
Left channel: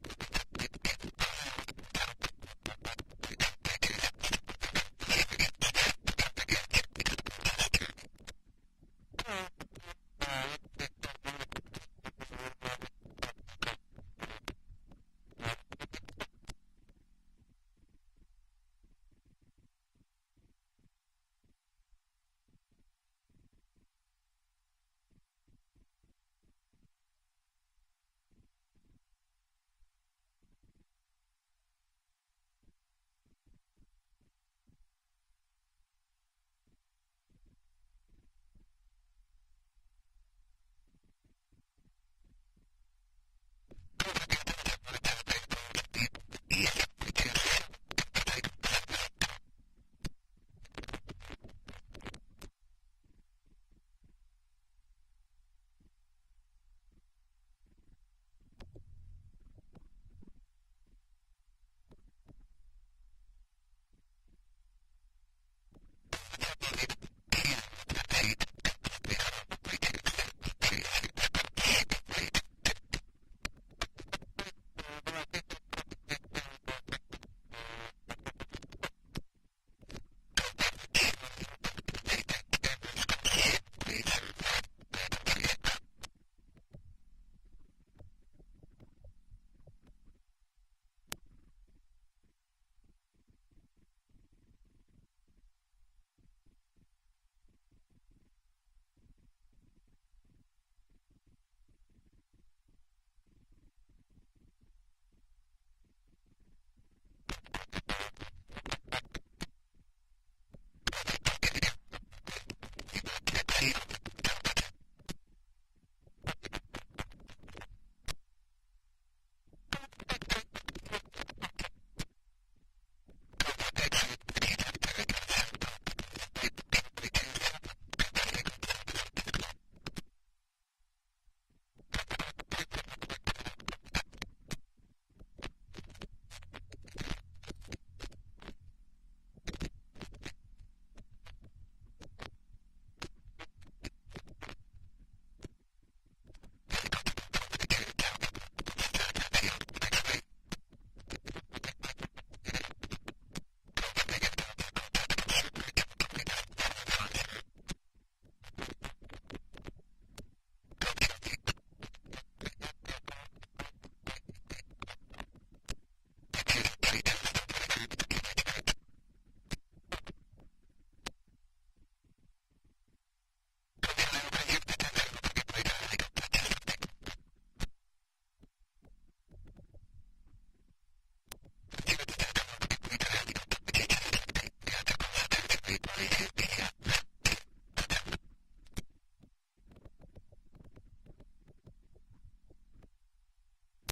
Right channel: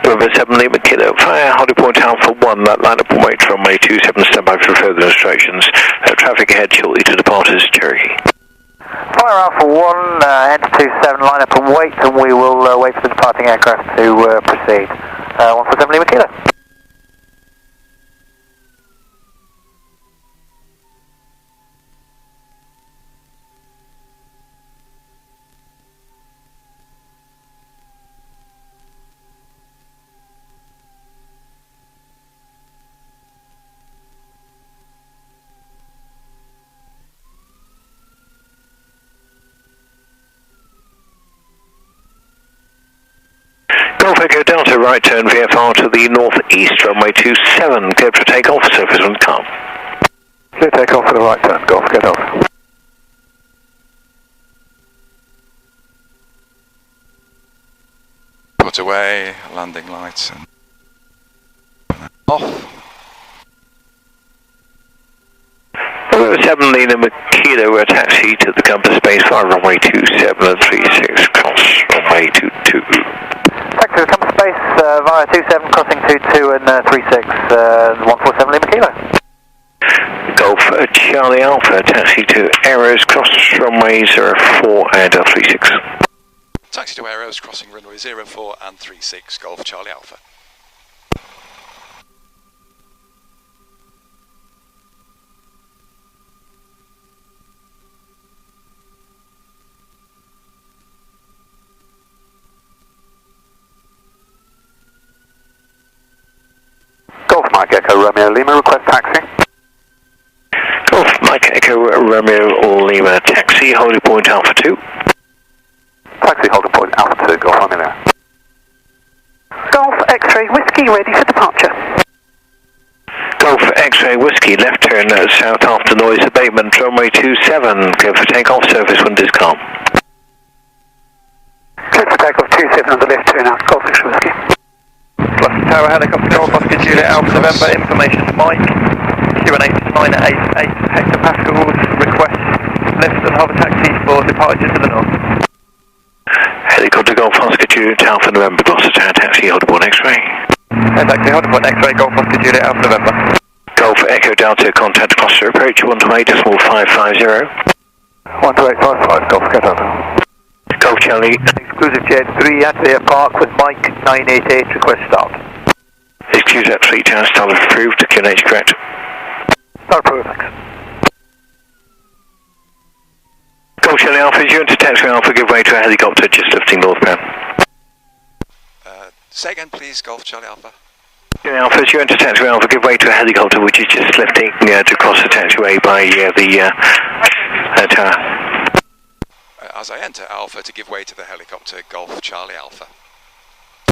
November 7 Lima Kilo, fire, holding point Alpha 1, that line up and wait from runway 27, stand by for further instructions. Traffic ahead shortly to depart is Cherokee. Fire Alpha 1, enter 27, line up and wait, and we will wait for the departing aircraft to proceed. 147 Lima Kilo. Golf Echo Delta, right turn VFR to the northeast, runway 27, clear for takeoff, surface wind calm. Clear takeoff for the right turn, Golf Echo Delta. Put away, landing lights, and off. November 7 Lima Kilo, we're taxi to the compass space 5, runway 27 and 36, cross runway 22. Taxi to the compass space via 27, crossing 22 and 36, 147 Lima Kilo. Golf Charlie Alpha, taxi to Arrows, cross runway 04 and 36. Taxi to Arrows, crossing runway 04 and 36, Golf Charlie Alpha. Golf Mike Echo Romeo Lima, request taxi. Golf Mike Echo Romeo Lima, taxi, holding point Alpha 2. Taxi holding point Alpha 2, Golf Romeo. Golf X-ray Whiskey ready for departure. Golf X-ray Whiskey, left turn south after noise abatement, runway 27, clear for takeoff, surface wind is calm. Clear for takeoff 27 on the left turn out, Golf X-ray Whiskey. Gloucester Tower helicopter Golf Oscar Juliet Alpha November, information to Mike, QNH 988 hectopascals, request lift and hover taxi for departure to the north. Helicopter Golf Oscar Juliet Alpha November, Gloucester Tower taxi, hold aboard X-ray. Taxi, hold aboard X-ray, Golf Oscar Juliet Alpha November. Golf Echo Delta, contact Gloucester approach 128.550. 12855, Golf Echo Delta. Golf Charlie. Exclusive Jet 3 at the park with Mike 988, request start. Exclusive at 3 tower, start approved, QNH correct. Start approved, thanks. Golf Charlie Alpha, as you enter taxi Alpha, give way to a helicopter just lifting northbound. Say again please, Golf Charlie Alpha. Alpha, as you enter taxi Alpha, give way to a helicopter which is just lifting to cross the taxiway by the tower. As I enter Alpha to give way to the helicopter, Golf Charlie Alpha.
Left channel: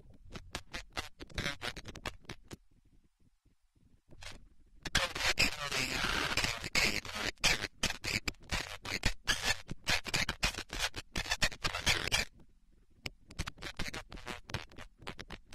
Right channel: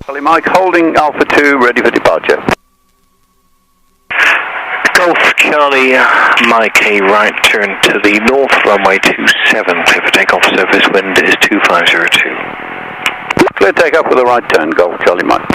Charlie Mike holding Alpha 2, ready for departure. Golf Charlie Mike, a right turn to the north, runway 27, clear for takeoff, surface wind is 2502. Clear takeoff with a right turn, Golf Charlie Mike.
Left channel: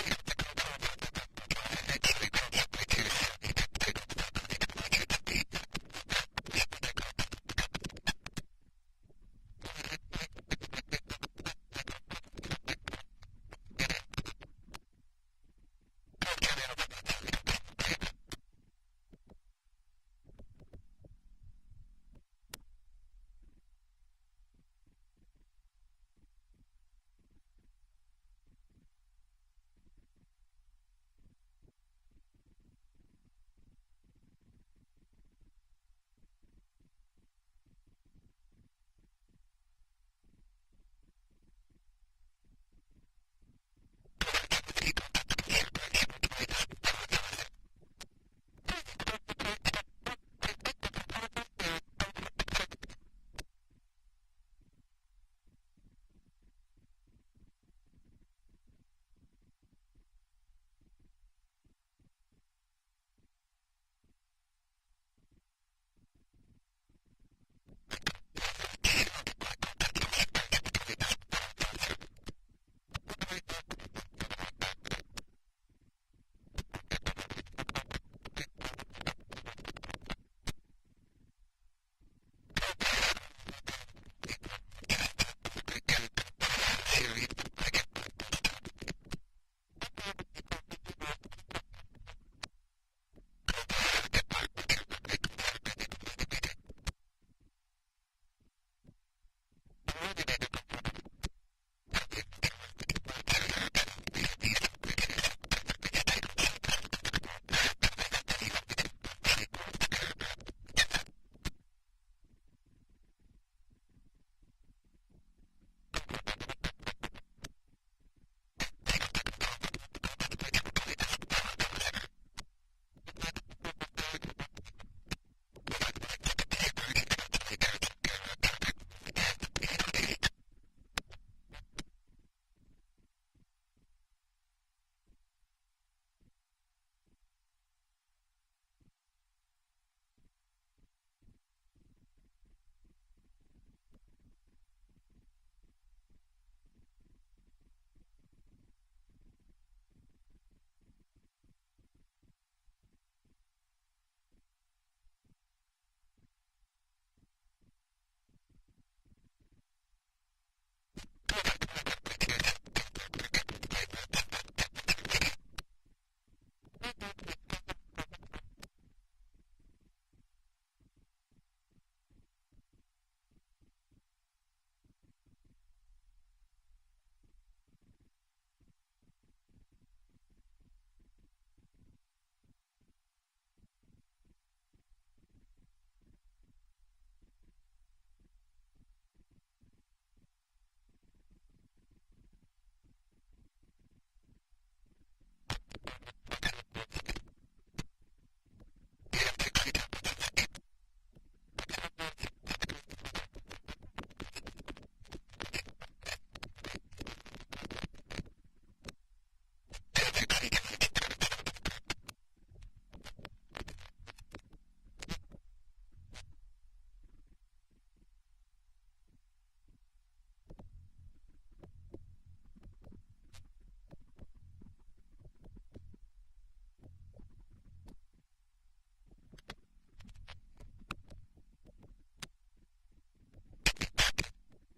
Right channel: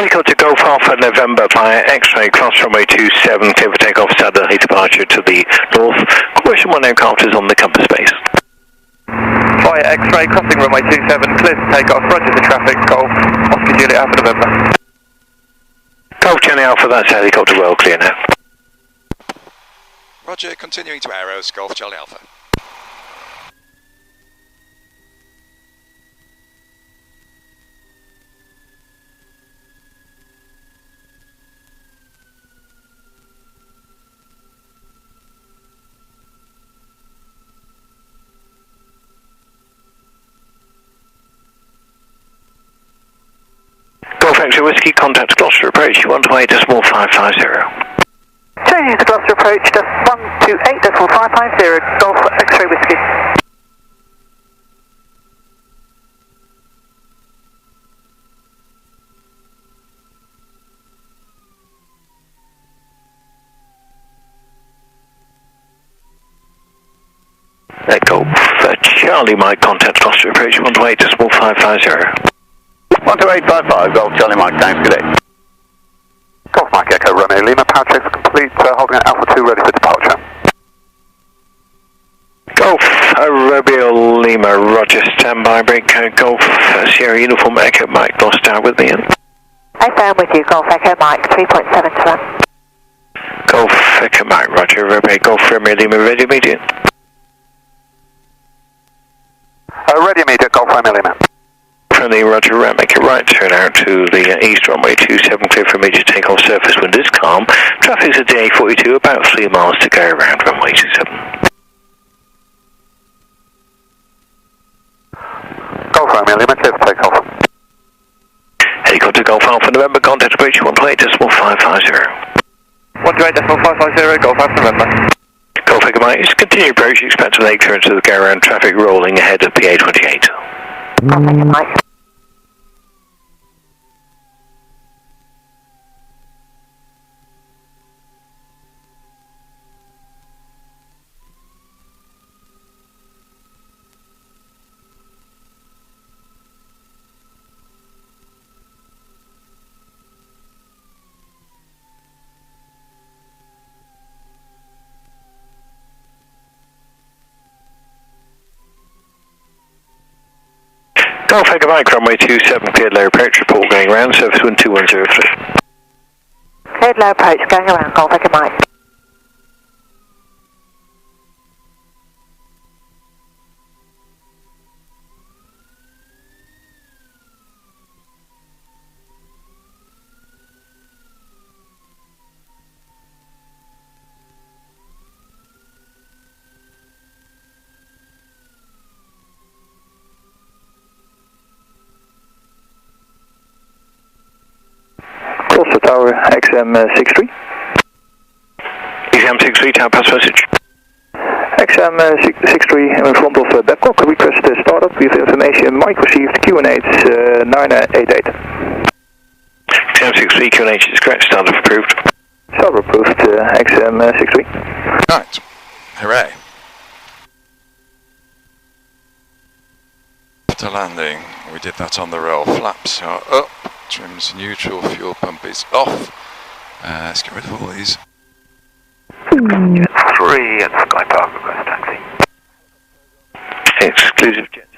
Helicopter Golf Alpha November via X-ray, cross runway 27, clear for takeoff, southerly departure to the north. Question 1 aircraft is on the compass base. Via X-ray, crossing runway 27, clear for takeoff, roger for traffic, Golf, Oscar Juliet Alpha November. Golf Jenny Alpha, that's helicopter well clear now. Roger, continuing to Aeros, Golf Charlie Alpha. Golf X-ray Whiskey, contact Gloucester approach, 128.550. Changing to Gloucester approach, just 128.550, Golf X-ray Whiskey. Golf Charlie Mike, contact Gloucester approach, 128.550. 12855, Golf Charlie Mike, thanks, good day. Golf Mike Echo Romeo Lima, power checks complete, holding at Alpha 2 ready for departure. Golf Romeo Lima, roger, standby, break code, Golf Sierra Uniform Echo Mike, Gloucester with me in. I found with you, Golf Echo Mike, 3.7 to 1. Golf Echo Mike, roger, Romeo, Golf Romeo Lima, ready immediate. Ready immediate, Golf Romeo Lima. Friendly, roger, right, make it right, turn out to the east runway 27, clear for immediate takeoff, surface wind is calm, traffic's at DA42, about 3 miles to go around runway 27. Golf Romeo Lima, clear for takeoff. Helicopter Golf Alpha November, contact approach 128.550. 128.550, Golf Alpha November. Golf Echo Mike, continue approach, expect to make clearance of the go around traffic rolling ahead of PA28. Golf Echo Mike. Golf Echo Mike, runway 27, cleared low approach, report going around, surface wind 2103. Cleared low approach, going around, Golf Echo Mike. Gloucester Tower, XM63. XM63, tower pass message. XM63 in front of Babcock, request startup with information, Mike received QNH 988. XM63, QNH is correct, startup approved. Startup approved, XM63. Right, hooray. To landing, we did that on the roll. Flaps are up, trims neutral, fuel pump is off. Let's get rid of all these. 3 at Sky Park, request taxi. Exclusive jet.